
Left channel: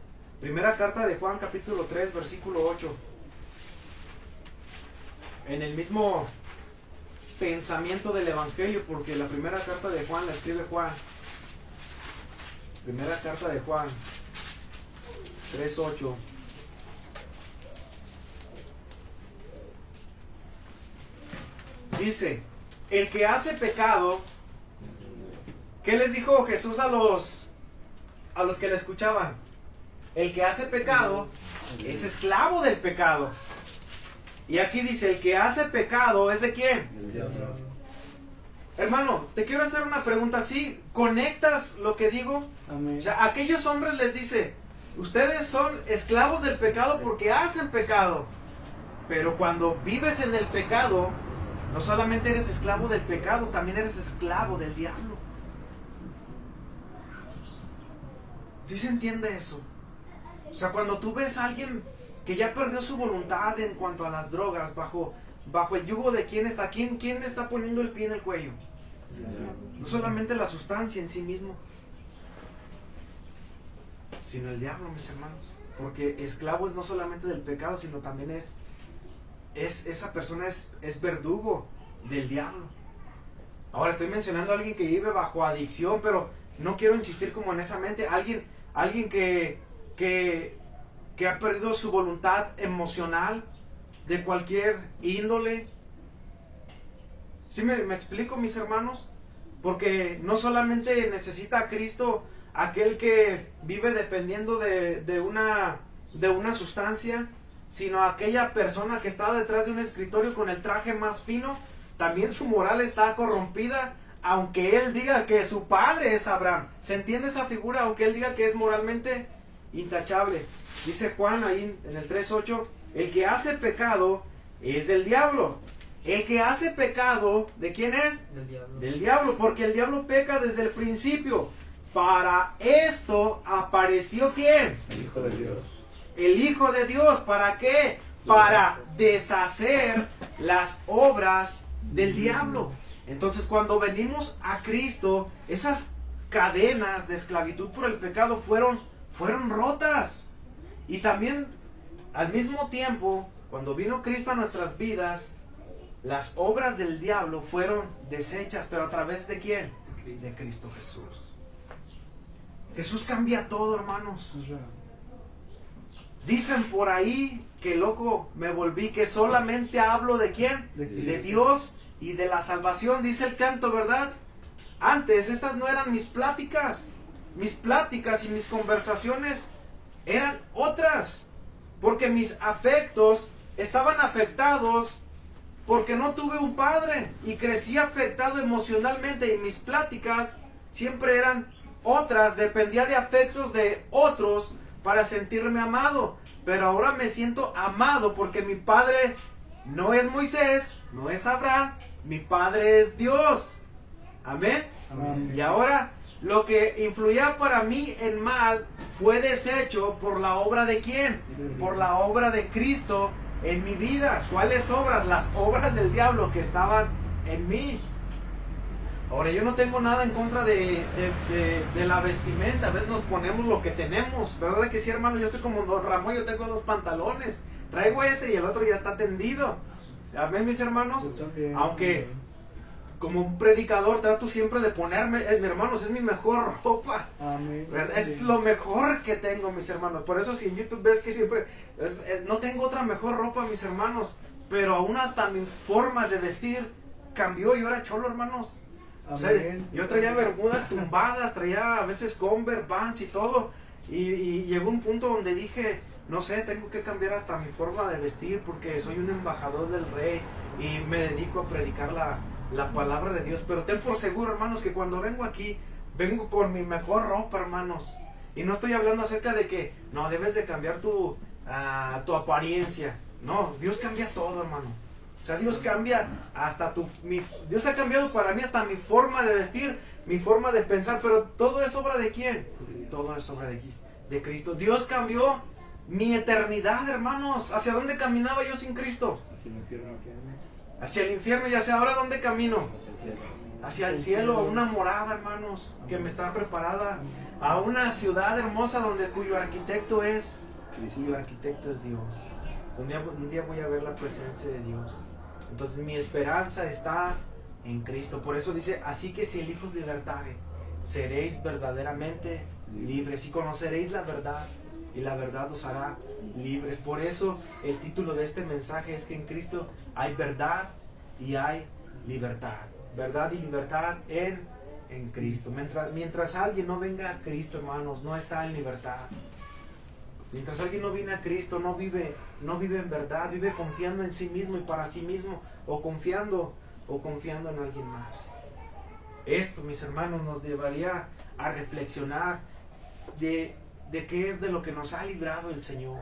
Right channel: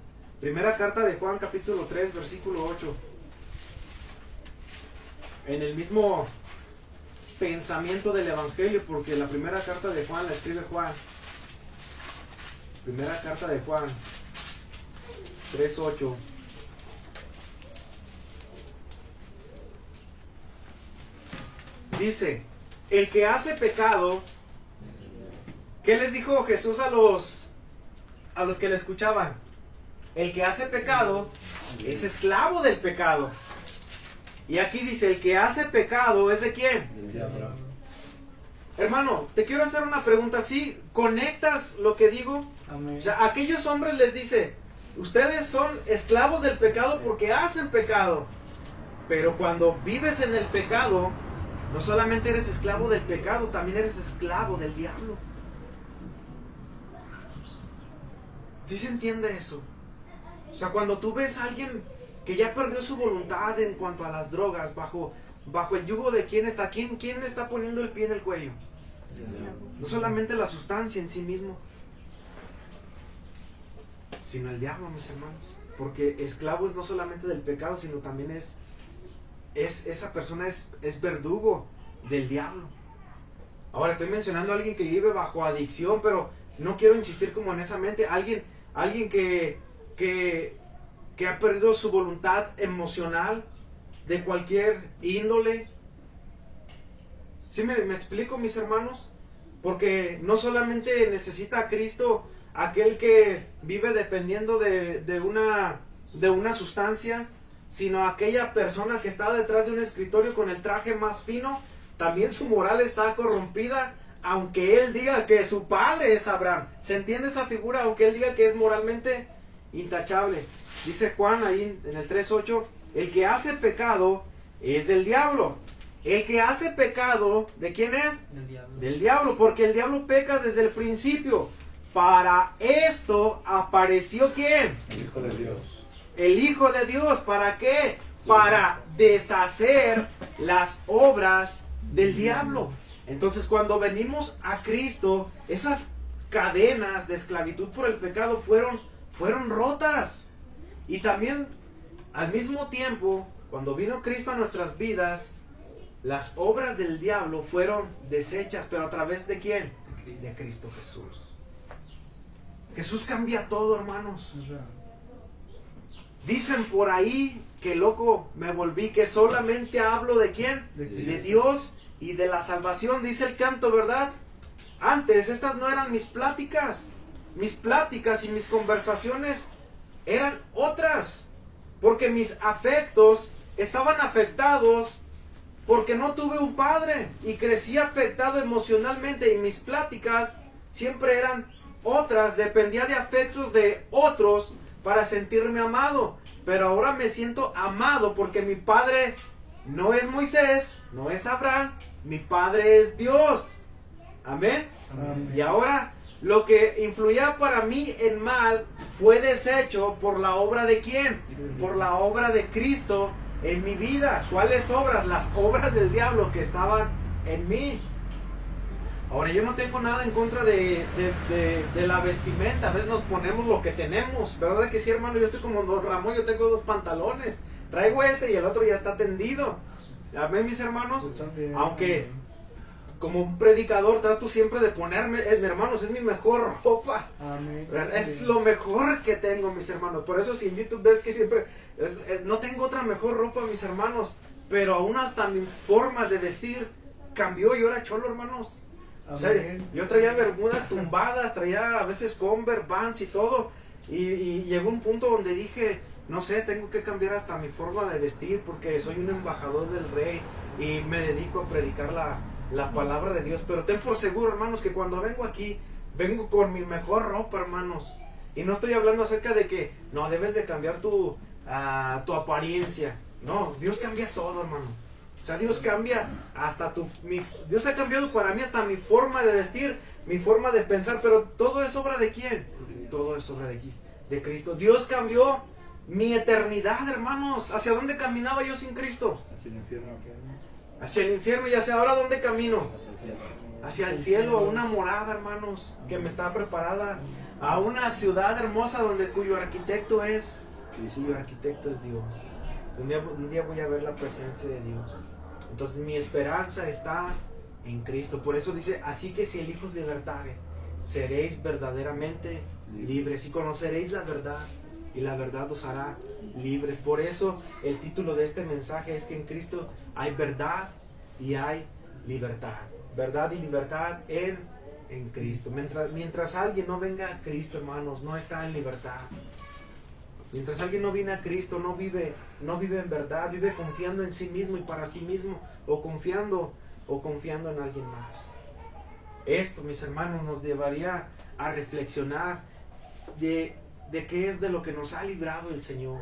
Primera carta de Juan, capítulo 3, versículo 8. En el mismo pensamiento del Evangelio, porque la primera carta de Juan la escribe Juan. Primera carta de Juan 3:8. Dice, el que hace pecado, ¿qué les dijo Jesús a los que le escuchaban? El que hace pecado es esclavo del pecado. Y aquí dice, el que hace pecado es ¿de quién? Hermano, te quiero hacer una pregunta. ¿Sí conectas lo que digo? Amén. O sea, a aquellos hombres les dice, ustedes son esclavos del pecado porque hacen pecado. Pero cuando vives en el pecado, no solamente eres esclavo del pecado, también eres esclavo del diablo. ¿Sí se entiende eso? O sea, cuando tú ves a alguien que ya perdió su voluntad en cuanto a las drogas, bajo el yugo de quién está poniendo el pie en el cuello. No solamente la sustancia en sí mismo, sino el diablo, mis hermanos. Porque esclavo es no solamente del pecado, sino también esa persona es verdugo del diablo. Ahora estoy mencionando a alguien que vive bajo adicción, pero no quiero insistir como en esa mente. Alguien que ha perdido su voluntad emocional de cualquier índole. ¿Sí me explico, mis hermanos? Porque no solamente necesita a Cristo aquel que vive dependiendo de una sustancia, sino aquella persona que está detrás de un escritorio con el traje más fino. También su moral está corrompida, aunque él diga que su padre es Abraham. ¿Se entiende esa figura? Aunque él diga que es moralmente intachable. Dice Juan ahí en el 3:8, el que hace pecado es del diablo. El que hace pecado, ¿de quién es? Del diablo. Del diablo, porque el diablo peca desde el principio. para esto apareció ¿quién? El Hijo de Dios. El Hijo de Dios. ¿Para qué? Para deshacer las obras del diablo. Entonces, cuando venimos a Cristo, esas cadenas de esclavitud por el pecado fueron rotas. Y también, al mismo tiempo, cuando vino Cristo a nuestras vidas, las obras del diablo fueron deshechas. ¿Pero a través de quién? De Cristo Jesús. Jesús cambia todo, hermanos. Dicen por ahí que loco me volví, que solamente hablo de quién, de Dios y de la salvación, dice el canto, ¿verdad? Antes estas no eran mis pláticas y mis conversaciones eran otras, porque mis afectos estaban afectados porque no tuve un padre y crecí afectado emocionalmente, y mis pláticas siempre eran otras, dependía de afectos de otros para sentirme amado. Pero ahora me siento amado porque mi padre no es Moisés, no es Abraham, mi padre es Dios. Amén. Amén. Y ahora lo que influía para mí en mal fue deshecho por la obra de ¿quién? Por la obra de Cristo en mi vida. ¿Cuáles obras? Las obras del diablo que estaban en mí. Ahora, yo no tengo nada en contra de la vestimenta. A veces nos ponemos lo que tenemos, ¿verdad que sí, hermano? Yo estoy como Don Ramón, yo tengo 2 pantalones. Traigo este y el otro ya está tendido. Amén, mis hermanos. Yo también. Aunque como un predicador trato siempre de ponerme, mis hermanos, es mi mejor ropa. Amén. Es lo mejor que tengo, mis hermanos. Por eso si en YouTube ves que siempre no tengo otra mejor ropa, mis hermanos, pero aún hasta mi forma de vestir cambió. Yo era cholo, hermanos. O sea, yo traía bermudas tumbadas, traía a veces Converse, Vans y todo, y llegó un punto donde dije, no sé, tengo que cambiar hasta mi forma de vestir porque soy un embajador del Rey y me dedico a predicar la palabra de Dios. Pero ten por seguro, hermanos, que cuando vengo aquí, vengo con mi mejor ropa, hermanos. Y no estoy hablando acerca de que no debes de cambiar tu apariencia. No, Dios cambia todo, hermano. O sea, Dios cambia hasta Dios ha cambiado para mí hasta mi forma de vestir, mi forma de pensar, pero todo es obra de ¿quién? Todo es obra de Cristo. Dios cambió mi eternidad, hermanos. ¿Hacia dónde caminaba yo sin Cristo? Hacia el infierno. Hacia el infierno. ¿Y hacia ahora dónde camino? Hacia el cielo. Hacia el cielo, a una morada, hermanos, que me está preparada, a una ciudad hermosa cuyo arquitecto es Dios. Un día voy a ver la presencia de Dios. Entonces mi esperanza está en Cristo. Por eso dice, así que si el Hijo os libertare, seréis verdaderamente libres y conoceréis la verdad, y la verdad os hará libres. Por eso el título de este mensaje es que en Cristo hay verdad y hay libertad. Verdad y libertad en Cristo. Mientras alguien no venga a Cristo, hermanos, no está en libertad. Mientras alguien no viene a Cristo, no vive en verdad, vive confiando en sí mismo y para sí mismo, o confiando en alguien más. Esto, mis hermanos, nos llevaría a reflexionar de qué es de lo que nos ha librado el Señor,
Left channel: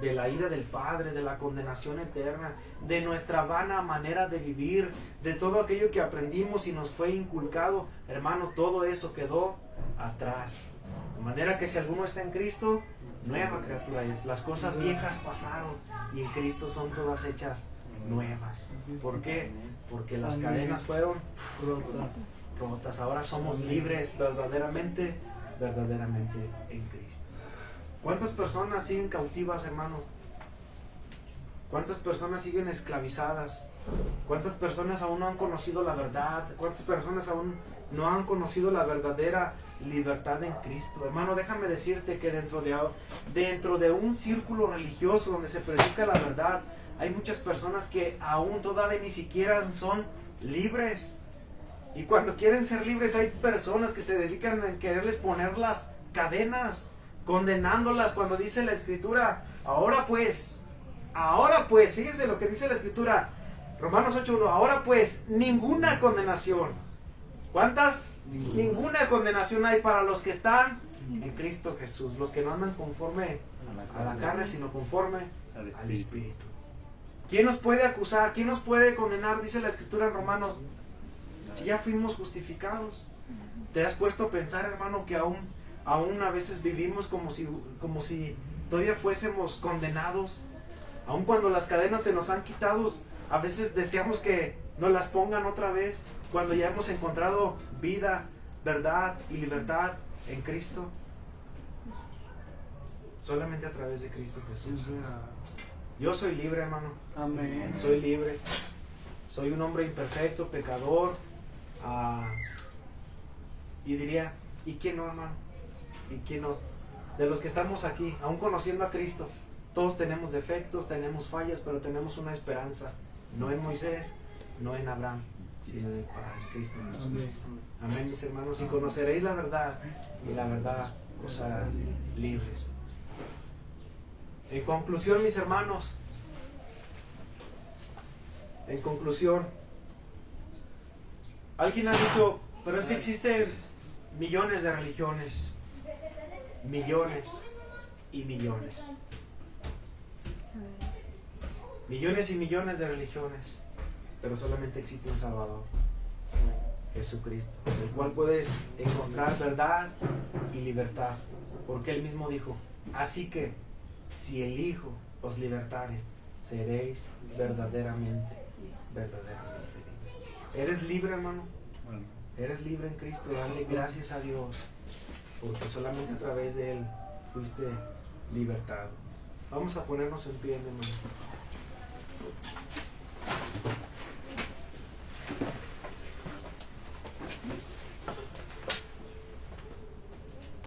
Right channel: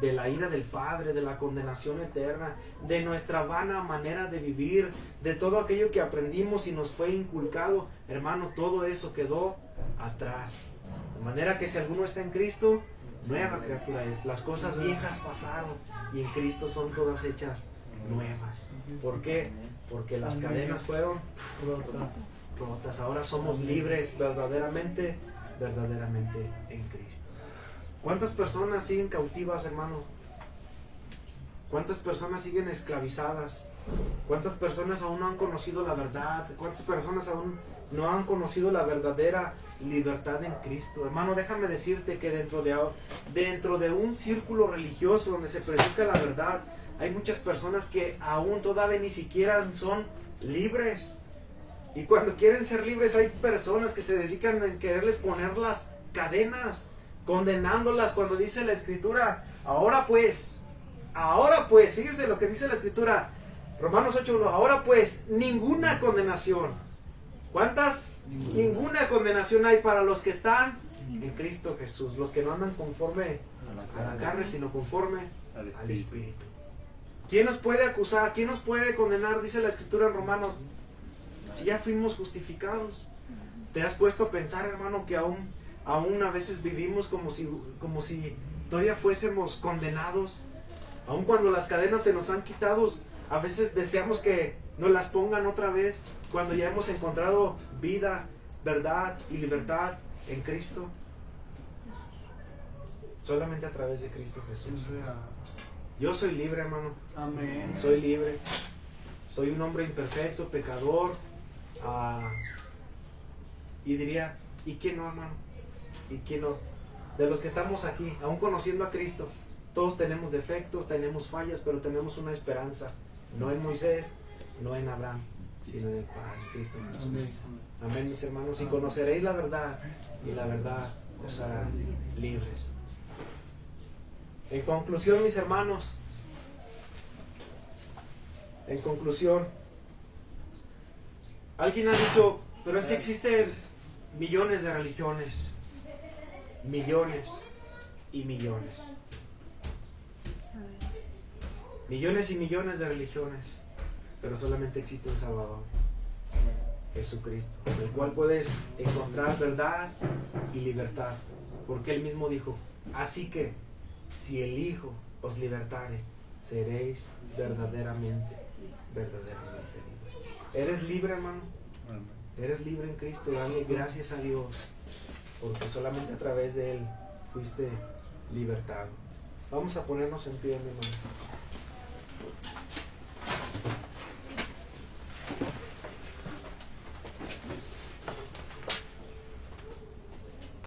de la ira del Padre, de la condenación eterna, de nuestra vana manera de vivir, de todo aquello que aprendimos y nos fue inculcado. Hermanos, todo eso quedó atrás. De manera que si alguno está en Cristo, nueva criatura es. Las cosas viejas pasaron y en Cristo son todas hechas nuevas. ¿Por qué? Porque las cadenas fueron rotas. Ahora somos libres verdaderamente en Cristo. ¿Cuántas personas siguen cautivas, hermano? ¿Cuántas personas siguen esclavizadas? ¿Cuántas personas aún no han conocido la verdad? ¿Cuántas personas aún no han conocido la verdadera libertad en Cristo? Hermano, déjame decirte que dentro de un círculo religioso donde se predica la verdad, hay muchas personas que aún todavía ni siquiera son libres. Y cuando quieren ser libres, hay personas que se dedican a quererles poner las cadenas, condenándolas, cuando dice la Escritura, ahora pues, fíjense lo que dice la Escritura, Romanos 8:1, ahora pues, ninguna condenación. ¿Cuántas? Ninguna condenación hay para los que están en Cristo Jesús, los que no andan conforme a la carne, sino conforme al Espíritu. ¿Quién nos puede acusar? ¿Quién nos puede condenar? Dice la Escritura en Romanos, si ya fuimos justificados. ¿Te has puesto a pensar, hermano, que aún a veces vivimos como si todavía fuésemos condenados? Aún cuando las cadenas se nos han quitado, a veces deseamos que nos las pongan otra vez, cuando ya hemos encontrado vida, verdad y libertad en Cristo. Solamente a través de Cristo Jesús. Yo soy libre, hermano. Amén. Soy libre. Soy un hombre imperfecto, pecador. Y diría, ¿y qué no, hermano? ¿Y qué no? De los que estamos aquí, aún conociendo a Cristo, todos tenemos defectos, tenemos fallas, pero tenemos una esperanza. No en Moisés, no en Abraham, sino en Cristo Jesús. Amén, mis hermanos. Y conoceréis la verdad, y la verdad os hará libres. En conclusión, mis hermanos, en conclusión, alguien ha dicho, pero es que existen millones de religiones, millones y millones. Millones y millones de religiones, pero solamente existe un Salvador, Jesucristo, el cual puedes encontrar verdad y libertad, porque Él mismo dijo, así que si el Hijo os libertare, seréis verdaderamente libres. ¿Eres libre, hermano? Eres libre en Cristo. Dale gracias a Dios, porque solamente a través de Él fuiste libertado. Vamos a ponernos en pie, mi hermano.